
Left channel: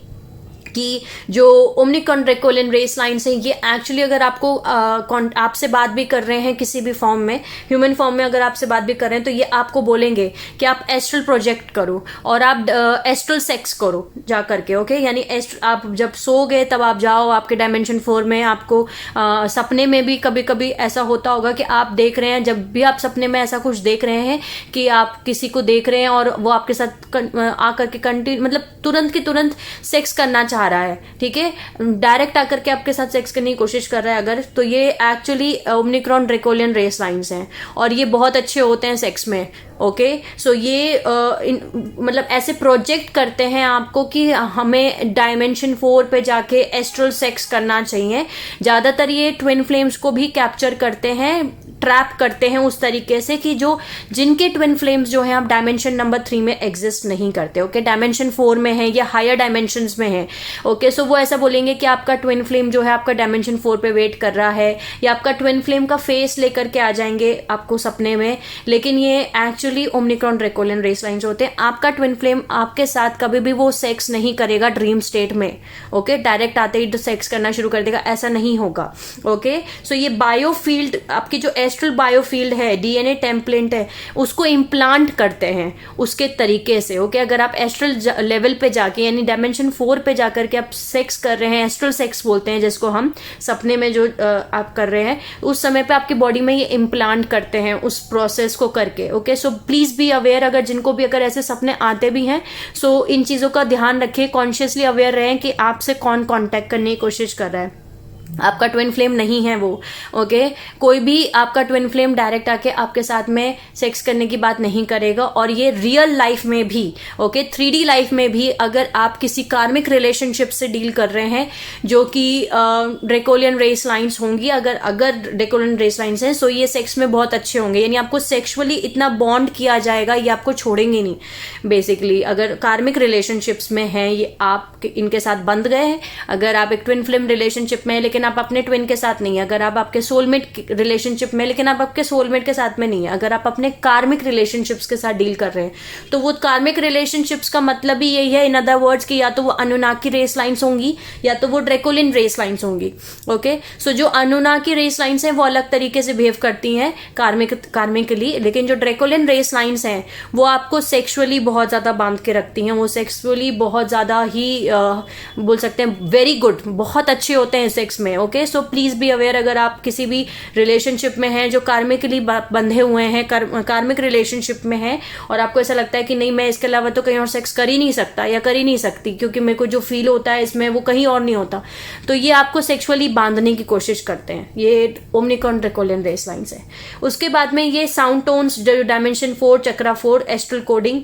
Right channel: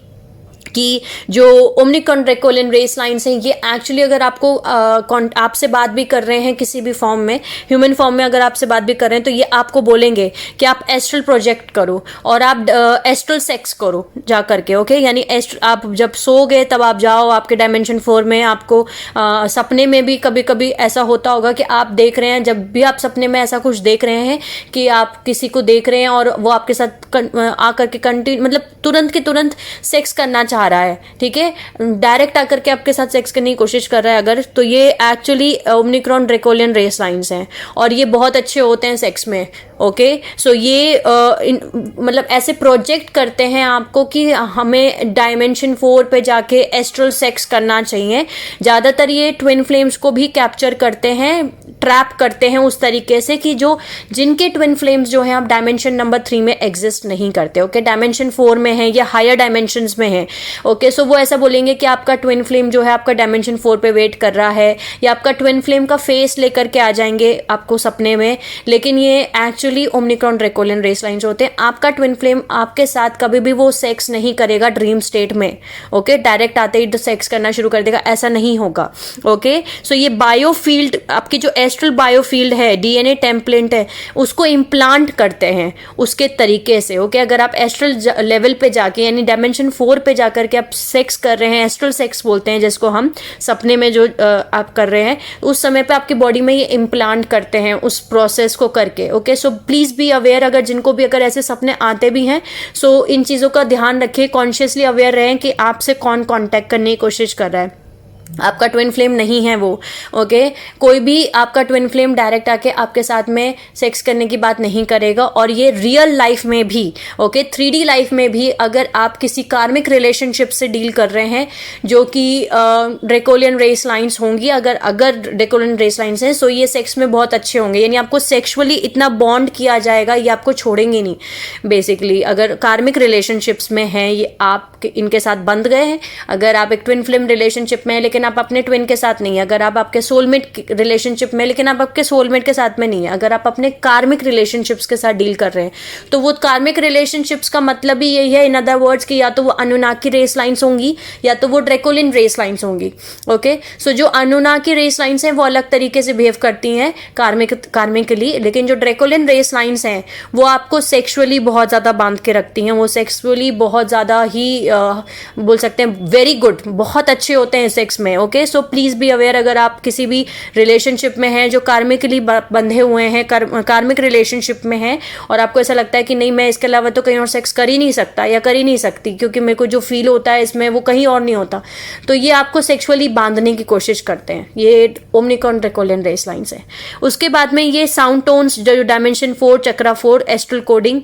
कि जो ओमनिक्रॉन ड्रैकोलियन रेस लाइन्स हैं ये एक्चुअली अगर आपको आपसे बात भी कर रहे हैं किसी भी फॉर्म में, ह्यूमन फॉर्म में अगर आपसे बात भी कर रहे हैं तो ये आपको बोलेंगे कि आप एस्ट्रल प्रोजेक्ट करो और आप एस्ट्रल सेक्स करो जा करके, ओके यानी आप जब सो गए तब आप जाओ आपके डायमेंशन 4 में, आपको सपने में भी कभी कभी ऐसा होता होगा कि आप देख रहे हैं, जब भी आप सपने में ऐसा कुछ देख रहे हैं कि आप किसी को देख रहे हैं और वो आपके साथ आकर के कंटिन्यू मतलब तुरंत के तुरंत सेक्स करना चाह रहा है, ठीक है डायरेक्ट आकर के आपके साथ सेक्स करने की कोशिश कर रहा है अगर, तो ये actually Omicron draconian race lines हैं और ये बहुत अच्छे होते हैं सेक्स में, ओके सो ये मतलब ऐसे प्रोजेक्ट करते हैं आपको कि हमें डायमेंशन 4 पे जाके एस्ट्रल सेक्स करना चाहिए। ज़्यादातर ये ट्विन फ्लेम्स को भी कैप्चर करते हैं, ट्रैप करते हैं उस तरीके से कि जो जिनके ट्विन फ्लेम्स जो हैं आप डायमेंशन नंबर 3 में एग्जिस्ट नहीं करते, ओके डायमेंशन 4 में है या हायर डायमेंशंस में है, ओके सो वो ऐसा बोलेंगे कि आपका ट्विन फ्लेम जो है आपका डायमेंशन 4 पे वेट कर रहा है या आपका ट्विन फ्लेम का फेस लेकर के आ जाएंगे आपको सपने में, लेकिन ये actually Omicron draconian race lines होते हैं। आपका ट्विन फ्लेम आपके साथ कभी भी वो सेक्स नहीं करेगा ड्रीम स्टेट में, ओके डायरेक्ट आते ही सेक्स करना शुरू कर देगा, ऐसा नहीं होगा, ओके सो ये बायोफील्ड आपकी जो एस्ट्रल बायोफील्ड है, डीएनए टेम्पलेट है, उसको इम्प्लांट करते हैं उसके तरीके से, ओके अगर आप एस्ट्रल लेवल पे जाके यानी डायमेंशन 4 पे जाकर के आप सेक्स कर रहे हैं, एस्ट्रल सेक्स बोलते हैं जिसको हम सपने में जो आप कर रहे हैं, उस समय पे आपकी बॉडी में ये इम्प्लांट करते हैं उस प्रोसेस को करके, okay so please be aware, अगर जिनको भी अगर ऐसे सपने आते भी हैं सो इन चीज़ों का ध्यान रखिए, कॉन्शियसली अवेयर रहें कि आपसे कौन कांटेक्ट करने की कोशिश कर रहा है, आपका ट्विन फ्लेम नहीं है वो, ओके कोई भी आपका ट्विन फ्लेम डायरेक्ट आके आपके साथ में सेक्स करने की बात नहीं करेगा। और ये रियल लाइफ में भी, ओके 3D लाइफ में भी अगर आप किसी कार्मिक रिलेशनशिप से डील कर रहे हैं जो कि ड्रैकोलियन रेस लाइन्स होंगी, अगर ड्रैकोलियन रेस लाइन्स हैं सो ये सेक्स में बहुत अच्छे होंगे, यानी आपको सेक्सुअली इतना बॉन्ड किया जाएगा ये आपको छोड़ेंगे नहीं बेसिकली। अगर कार्मिक रिलेशनशिप्स में हैं ये आप इनके साथ बंध गए हैं, अगर आप एक ट्विन फ्लेम रिलेशनशिप में है लेकिन आप अपने ट्विन के साथ नहीं है, अगर आप आपके सोलमेट रिलेशनशिप में लेकिन आप आपके सोलमेट के साथ में नहीं है, अगर आप अपने कार्मिक रिलेशनशिप्स के साथ डील कर रहे हैं तो वो कार्मिक रिलेशनशिप्स का मतलब ही यही है इन अदर वर्ड्स कि या तो वो अनुनाकी रेस लाइन्स होंगी या तो वो ड्रैकोलियन रेस लाइन्स होंगी, ओके सो जो अनुनाकी रेस लाइन्स हैं वो अलग तरीके से बिहेव करती हैं कार्मिकली, लेकिन जो ड्रैकोलियन रेस लाइन्स हैं वो आपको सेक्सुअली बहुत ज्यादा बांध के रखती हैं, वो सेक्सुअली बहुत ज्यादा ही बोल सकते हैं वेरी गुड, बहुत अच्छे होते हैं सेक्स में, okay so please be aware अगर आप किसी भी रिलेशनशिप में हैं जो कार्मिकली बंधे हुए हैं, कार्मिक रिलेशनशिप में हैं और आपको ऐसा लगता है कि नहीं मैं इसके अलावा तो कहीं और सेक्स कर ही नहीं सकता या कर ही नहीं सकती क्योंकि मेरे को जो फील होता है इसमें वो कहीं और नहीं होता, तो ये आपको सेक्सुअली बांधने की कोशिश करते हैं, ये ओमनिक्रॉन ड्रैकोलियन रेस लाइन्स है। उसके बाद में ये साउंड टोन्स जो डायमेंशन 4 चक्रा 4 एस्ट्रल कोडिंग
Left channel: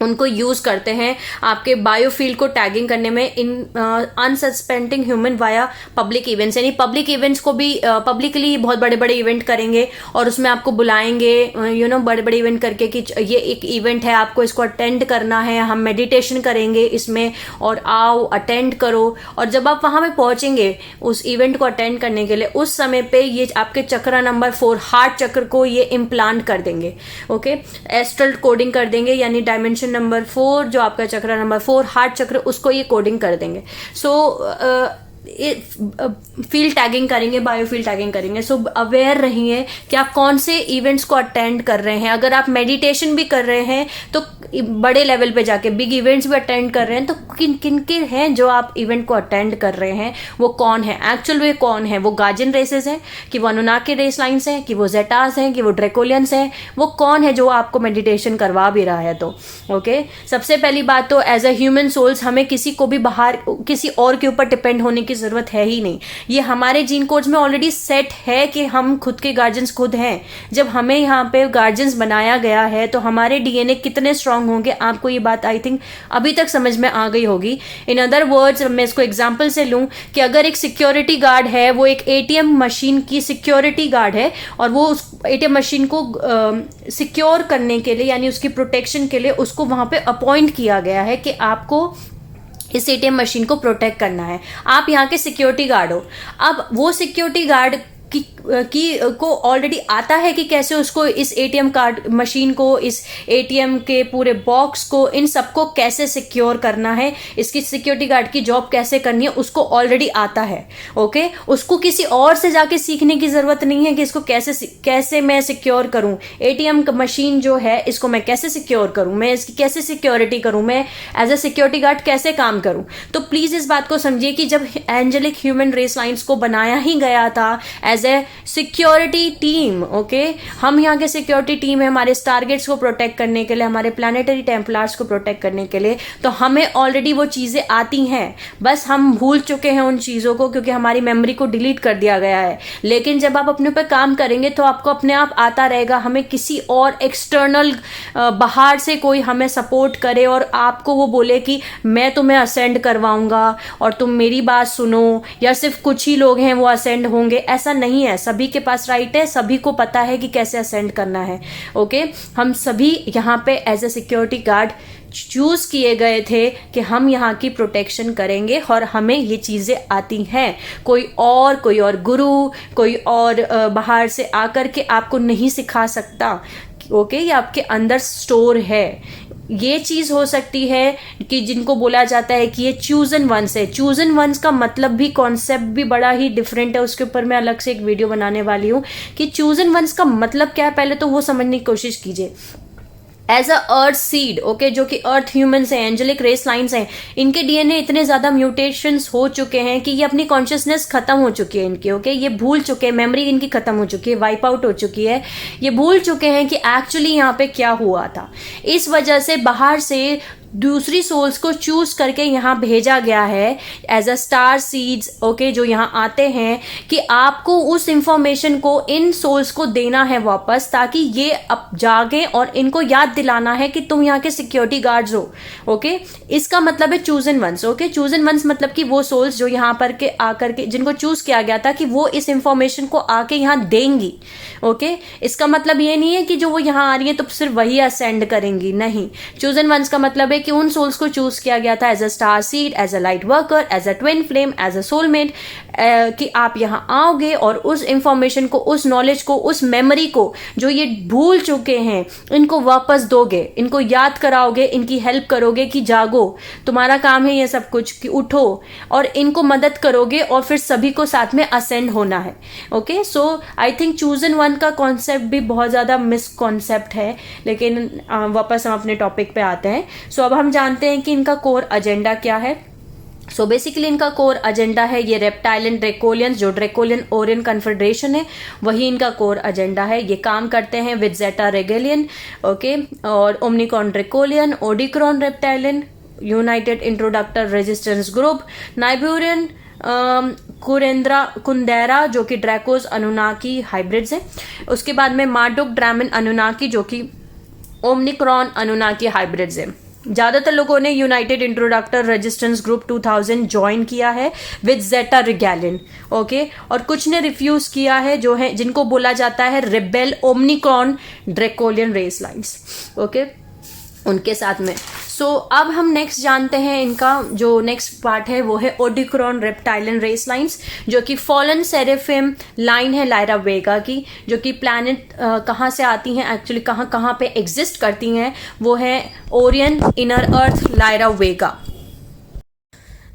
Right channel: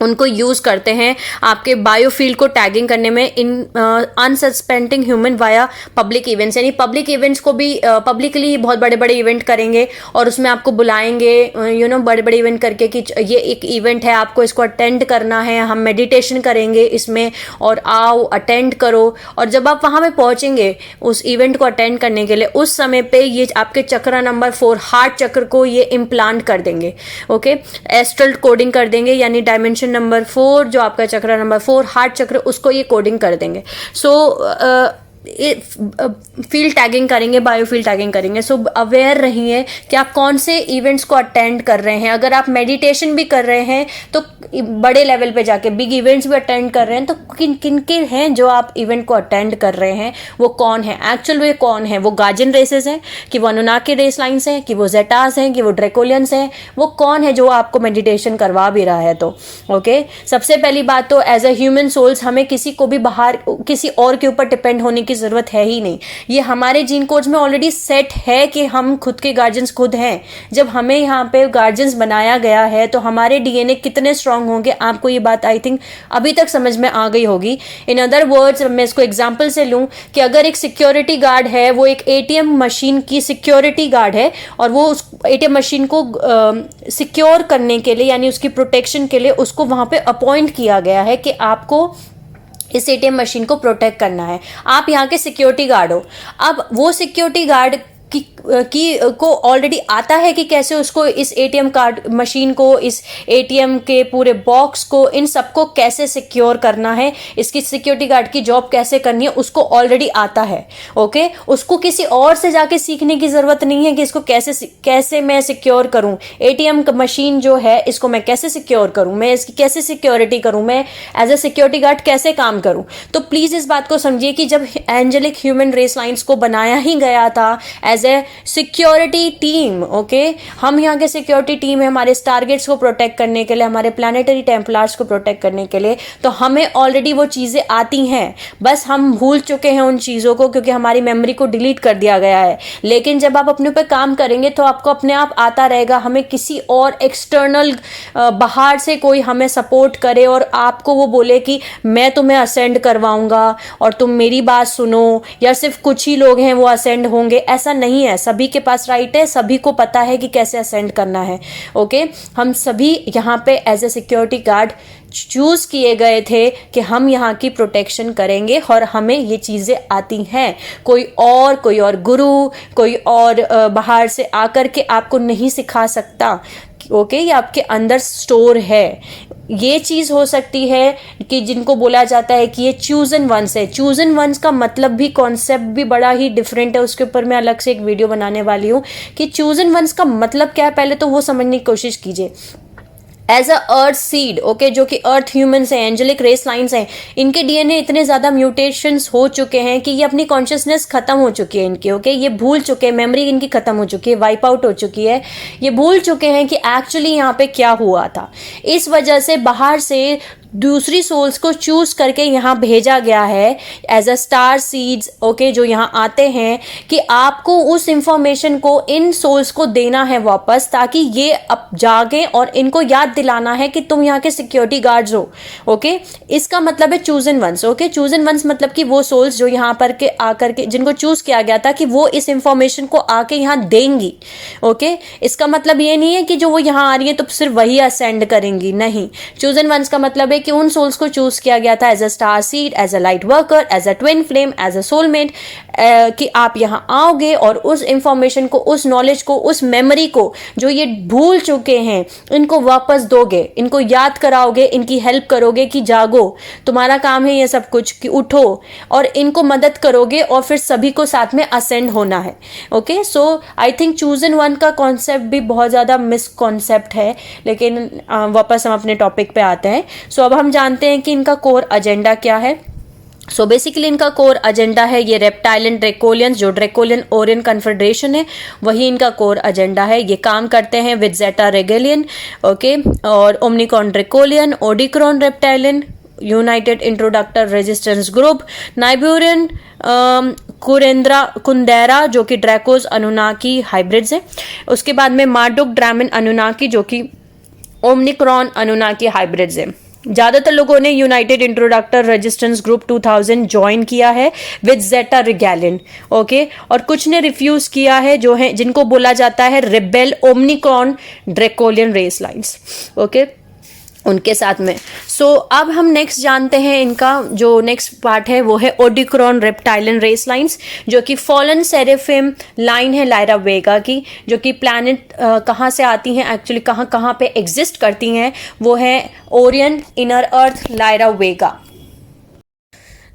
उनको यूज करते हैं आपके बायोफील्ड को टैगिंग करने में in unsuspecting human via public events, यानी पब्लिक इवेंट्स को भी पब्लिकली बहुत बड़े बड़े इवेंट करेंगे और उसमें आपको बुलाएंगे बड़े बड़े इवेंट करके कि ये एक इवेंट है, आपको इसको अटेंड करना है, हम मेडिटेशन करेंगे इसमें और आओ अटेंड करो। और जब आप वहां पे पहुंचेंगे उस इवेंट को अटेंड करने के लिए, उस समय पे ये आपके चक्र नंबर 4 हार्ट चक्र को ये इम्प्लांट कर देंगे। ओके, एस्ट्रल कोडिंग कर देंगे, यानी डायमेंशन नंबर 4 जो आपका चक्र नंबर 4 हार्ट चक्र, उसको ये कोडिंग कर देंगे। फील्ड टैगिंग करेंगे, बायोफील्ड टैगिंग करेंगे। सो अवेयर रहिए कि आप कौन से इवेंट्स को अटेंड कर रहे हैं। अगर आप मेडिटेशन भी कर रहे हैं तो बड़े लेवल पे जाके बिग इवेंट्स भी अटेंड कर रहे हैं, तो किन के हैं जो आप इवेंट को अटेंड कर रहे हैं, वो कौन है एक्चुअल, वे कौन है, वो गार्जियन रेसेस हैं कि वो अनुनाकी रेस लाइन्स हैं कि वो जेटास हैं कि वो ड्रेकोलियंस हैं, वो कौन है जो आपको मेडिटेशन करवा भी रहा है। तो ओके, सबसे पहली बात तो एज अ ह्यूमन सोल्स हमें किसी को भी बाहर किसी और के ऊपर डिपेंड होने की जरूरत है ही नहीं। ये हमारे जीन कोड्स में ऑलरेडी सेट है कि हम खुद के गार्जियंस खुद हैं। जब हमें यहाँ पे गार्जियंस बनाया गया है तो हमारे डीएनए कितने स्ट्रांग होंगे, आपको ये बात आई थिंक अभी तक समझ में आ गई होगी। इन अदर वर्ड्स, मैं इसको एग्जांपल से लूं कि अगर एक सिक्योरिटी गार्ड है, वो एक एटीएम मशीन की सिक्योरिटी गार्ड है और वो उस एटीएम मशीन को सिक्योर करने के लिए, यानी उसकी प्रोटेक्शन के लिए उसको वहां पे अपॉइंट किया गया है कि आपको इस एटीएम मशीन को प्रोटेक्ट करना है। आप यहाँ के सिक्योरिटी गार्ड हो। अब वो सिक्योरिटी गार्ड को ऑलरेडी आता है कि कैसे उसको इस एटीएम कार्ड मशीन को, इस एटीएम के पूरे बॉक्स को, इन सबको कैसे सिक्योर करना है, इसकी सिक्योरिटी गार्ड की जॉब कैसे करनी है, उसको ऑलरेडी आता है। ओके, उसको किसी और से जाके सीखने की जरूरत नहीं है कि इसको कैसे मैं सिक्योर करूं, एटीएम मशीन जो है इसको मैं कैसे सिक्योर करूं, मैं इसकी कैसे सिक्योरिटी करूं, मैं एज ए सिक्योरिटी गार्ड कैसे काम करूं। तो प्लीज इस बात को समझिए कि जब एंजेलिक ह्यूमन रेस लाइन्स को बनाया ही गया था as a security team, okay, हम यहाँ के सिक्योरिटी टीम है हमारे टारगेट्स को प्रोटेक्ट करने के लिए, हमारे प्लानिटरी टेम्पलार्स को प्रोटेक्ट करने के लिए, तो हमें ऑलरेडी वो चीजें आती हैं, बस हम भूल चुके हैं उन चीजों को क्योंकि हमारी मेमोरी को डिलीट कर दिया गया है। लेकिन जब आप अपने ऊपर काम करेंगे तो आपको अपने आप आता रहेगा। हमें किसी और एक्सटर्नल बाहर से कोई हमें सपोर्ट करे और आपको वो बोले कि मैं तुम्हें असेंड करवाऊंगा और तुम मेरी बात सुनो, या सिर्फ कुछ ही लोग हैं वो असेंड होंगे, ऐसा नहीं है। सभी के पास राइट है, सभी को पता है कि कैसे असेंड करना है। ओके, हम सभी यहाँ पे as a security guard choose किए गए थे कि हम यहाँ की प्रोटेक्शन करेंगे और हमें ये चीजें आती हैं। कोई और गुरु, कोई और बाहर से आकर के आपको नहीं सिखा सकता। ओके, ये आपके अंदर स्टोर है। ये चीज हो सकती है कि जिनको बोला जाता है कि ये चूजन वंस है। चूजन वंस का मतलब भी, कॉन्सेप्ट भी बड़ा ही डिफरेंट है, उसके ऊपर मैं अलग से एक वीडियो बनाने वाली हूँ कि चूजन वंस का मतलब क्या है, पहले तो वो समझने की कोशिश कीजिए। As a earth seed, okay, जो कि अर्थ ह्यूमंस हैं, एंजेलिक रेस लाइन्स हैं, इनके डीएनए इतने ज्यादा म्यूटेशंस हो चुके हैं कि ये अपनी कॉन्शियसनेस खत्म हो चुकी है इनकी। ओके, ये भूल चुके हैं, मेमोरी इनकी खत्म हो चुकी है, वाइप आउट हो चुकी है। ये भूल चुके हैं कि एक्चुअली यहाँ पे क्या हुआ था। इस वजह से बाहर से दूसरी सोल्स को चूज करके यहाँ भेजा गया है as a star seeds, okay, जो यहाँ आते हैं कि आपको उस इंफॉर्मेशन को इन सोल्स को देना है वापस, ताकि ये अब जागे और इनको याद दिलाना है कि तुम यहाँ के सिक्योरिटी गार्ड्स हो। ओके, इसका मतलब है chosen ones. Okay, chosen ones मतलब कि वो सोल्स जो यहाँ पर के आकर के, जिनको चूज किया गया था कि वो इस इंफॉर्मेशन को आके यहाँ देंगी। ओके, इसका मतलब ये नहीं है कि जो वो यहाँ आ रही है तो सिर्फ वही असेंड करेंगी, नहीं। चूजन वंस का मतलब कि उन सोल्स को चूज किया गया था as a star seed, as a light worker, as a twin flame, as a soulmate, कि आप यहाँ आओगे और उस इंफॉर्मेशन को, उस नॉलेज को, उस मेमोरी को जो ये भूल चुके हैं, इनको वापस दोगे, इनको याद कराओगे, इनकी हेल्प करोगे कि जागो, तुम्हारा काम है ये सब कुछ, कि उठो, और इनको मदद करोगे और फिर सभी को साथ में असेंड होना है। Okay, so I think chosen one का कॉन्सेप्ट भी बहुत ज्यादा मिसकॉन्सेप्ट है। लेकिन वापस हम अपने टॉपिक पे आते हैं। सो अब हम जानते हैं कि इनका कोर एजेंडा क्या है। सो बेसिकली इनका कोर एजेंडा है ये रेप्टाइलियन ड्रेकोलियंस, जो ड्रेकोलियन ओरियन कन्फेडरेशन है वही इनका कोर एजेंडा है। ये काम करते हैं विद जेटा रेगेलियन, ओके, और ओमनिकॉन ड्रेकोलियन, ओडिक्रॉन रेप्टाइलियन, यूनाइटेड इंट्रोडक्टर रेजिस्टेंस ग्रुप, नाइबेरियन कुंदेरा जो कि ड्रैकोस अनुनाकी हाइब्रिड्स है। उसके बाद में मार्डुक ड्रामन अनुनाकी जो कि ओमनिक्रॉन अनुनाकी हाइब्रिड्स है। ज्यादातर लोगों ने यूनाइटेड इंट्रोडक्टर रेजिस्टेंस ग्रुप 2000 ज्वाइन किया है विद जेटा रिगैलिन, ओके, और कुछ ने रिफ्यूज किया है, जो है जिनको बोला जाता है rebel Omicron draconian race lines, okay, उनके साथ में। सो अब हम नेक्स्ट जानते हैं, इनका जो नेक्स्ट पार्ट है वो है ओडिक्रॉन रेप्टाइलन रेस लाइन्स, जो कि फॉलन सेरेफिम लाइन है लायरा वेगा की, जो कि प्लैनेट कहाँ से आती हैं, एक्चुअली कहाँ कहाँ पे एग्जिस्ट करती हैं, वो है ओरियन, इनर अर्थ, लायरा वेगा।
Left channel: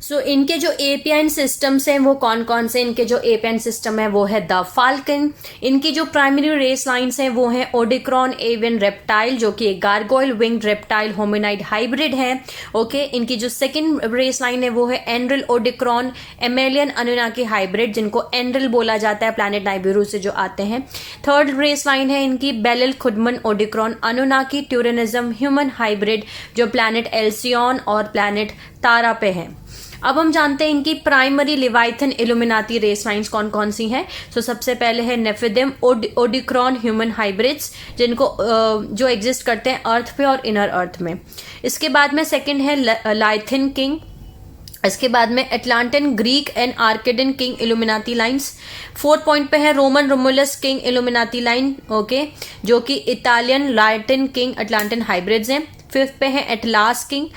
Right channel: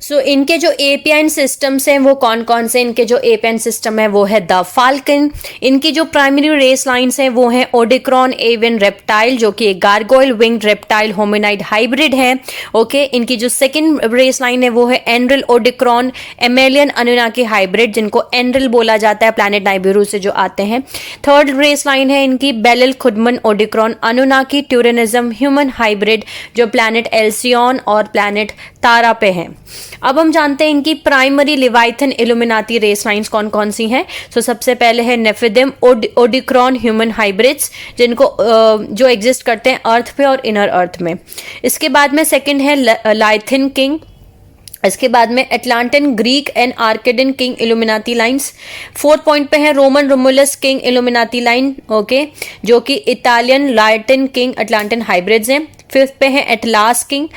सो इनके जो एपियन सिस्टम्स हैं वो कौन कौन से, इनके जो एपियन सिस्टम है वो है द फाल्कन। इनकी जो प्राइमरी रेस लाइन्स हैं वो है ओडिक्रॉन एवियन रेप्टाइल, जो कि एक गार्गोइल विंग्ड रेप्टाइल होमिनाइड हाइब्रिड है, ओके। इनकी जो सेकंड रेस लाइन है वो है एनरिल ओडिक्रॉन एमेलियन अनुनाकी हाइब्रिड, जिनको एनरिल बोला जाता है, प्लैनेट नाइबिरू से जो आते हैं। थर्ड रेस लाइन है इनकी बेलिल खुदमन ओडिक्रॉन अनुनाकी ट्यूरेनिज्म ह्यूमन हाइब्रिड, जो प्लैनेट एल्सियन और प्लैनेट तारा पे है। अब हम जानते हैं इनकी प्राइमरी लिवाइथन इल्यूमिनाती रेस लाइन्स कौन कौन सी हैं। तो सबसे पहले है नेफिदिम ओडिक्रॉन ह्यूमन हाइब्रिड्स, जिनको जो एग्जिस्ट करते हैं अर्थ पे और इनर अर्थ में। इसके बाद में सेकंड है लाइथिन किंग। इसके बाद में Atlantean Greek and Arcadian king Illuminati lines. Fourth point पे है Roman Romulus king Illuminati line, okay, जो कि Italian Latin king Atlantean hybrids हैं। फिफ्थ पे है एटलास किंग।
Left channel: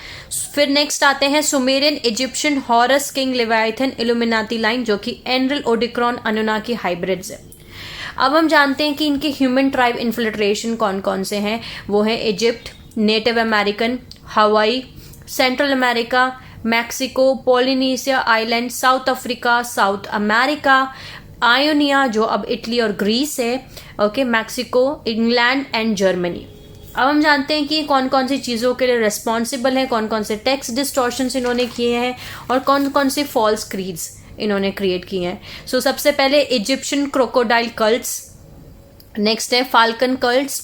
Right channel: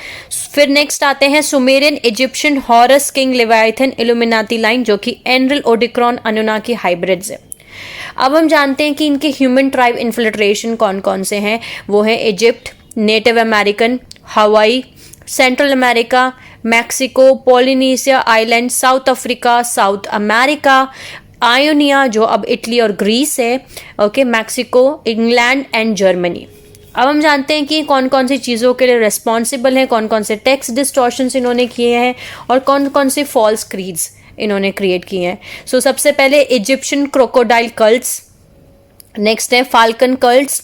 फिर नेक्स्ट आते हैं Sumerian Egyptian Horus king Leviathan Illuminati line, जो कि एनरिल ओडिक्रॉन अनुनाकी हाइब्रिड्स है। अब हम जानते हैं कि इनके ह्यूमन ट्राइब इन्फिल्ट्रेशन कौन कौन से हैं। वो है इजिप्ट, नेटिव अमेरिकन, हवाई, central America, Mexico, Polynesia island, south Africa, south America, Ionia जो अब इटली और ग्रीस है, okay, Mexico, England and Germany. अब हम जानते हैं कि कौन कौन सी चीज़ों के लिए रिस्पॉन्सिबल हैं, कौन कौन से टेक्स्ट डिस्टॉर्शंस इन्होंने किए हैं और कौन कौन से फॉल्स क्रीड्स इन्होंने क्रिएट किए हैं। सो सबसे पहले इजिप्शियन क्रोकोडाइल कल्ट्स, नेक्स्ट है फाल्कन कल्ट्स,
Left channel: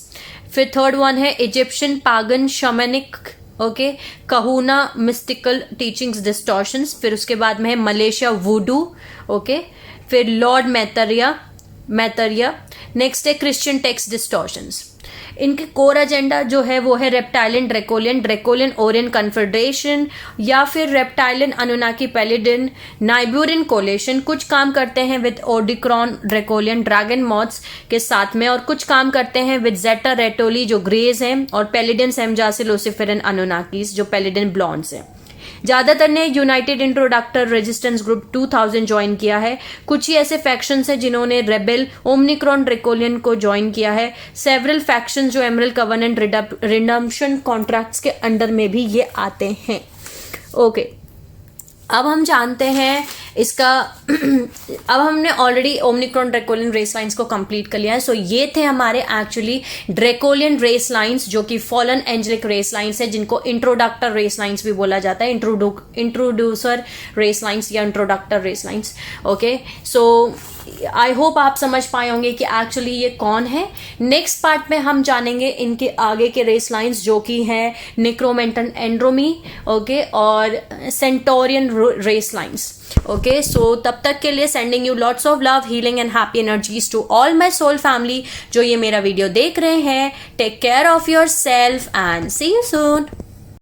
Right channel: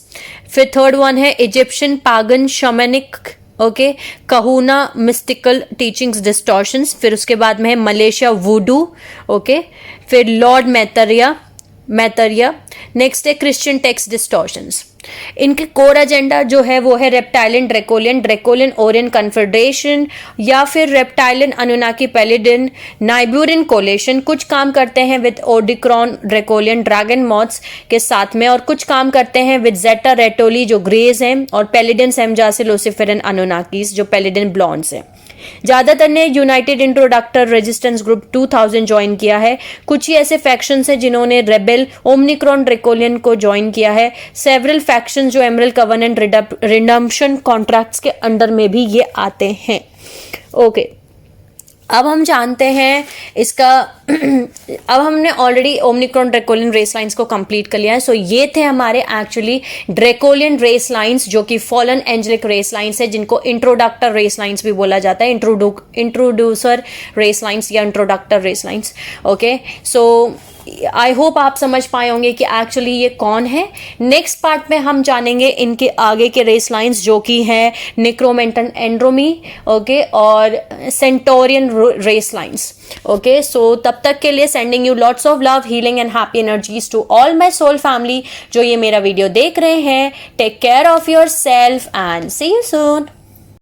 फिर थर्ड वन है Egyptian pagan shamanic, okay, kahuna mystical teachings distortions, फिर उसके बाद में है मलेशिया वुडू, ओके, फिर लॉर्ड मैतरिया, नेक्स्ट है क्रिश्चियन टेक्स्ट डिस्टॉर्शंस। इनके कोर एजेंडा जो है वो है रेप्टाइलियन ड्रैकोलियन ओरियन कन्फेडरेशन, या फिर रेप्टाइलियन अनुनाकी पेलिडिन नाइब्यूरिन कोलेशन। कुछ काम करते हैं विद ओडिक्रॉन ड्रैकोलियन ड्रैगन मॉथ्स के साथ में, और कुछ काम करते हैं विद जेटा रेटोली जो ग्रेज हैं, और पेलिडिन सेमजासिल लुसिफेरन अनुनाकीस जो पेलिडिन ब्लॉन्ड्स हैं। ज्यादातर ने यूनाइटेड इंट्रोडक्टर रेजिस्टेंस ग्रुप 2000 ज्वाइन किया है। कुछ ही ऐसे फैक्शंस हैं जिन्होंने रेबेल ओमनिक्रॉन ड्रैकोलियन को ज्वाइन किया है। सेवरल फैक्शंस जो एमरल कवर्नेंट रिडम्पशन कॉन्ट्रैक्ट्स के अंडर में भी ये आते हैं, ओके। अब हम जानते हैं इसका अब हमने already Omicron draconian race lines को कंप्लीट कर लिया है। सो ये थे हमारे एक्चुअली ड्रैकोलियन रेस लाइन्स, जो कि फॉलन एंजेलिक रेस लाइन्स है, जिनको इंट्रोडक्टर रेस लाइन्स भी बोला जाता है, इंट्रोड्यूसर रेस लाइन्स या introductor race lines, okay. So I hope आप समझ पाए होंगे कि एक्चुअली ये कौन है। नेक्स्ट पार्ट में हम जानेंगे इनके आगे के रेस लाइन्स, जो कि है निक्रोमेंटन एंड्रोमी, ओके, और centaurian race lines, okay. So तब तक के लिए sending you lots of love, healing and happy energies to all my soul family जो ये मेरा वीडियो देख रहे हैं। Take care of yourself and see you soon.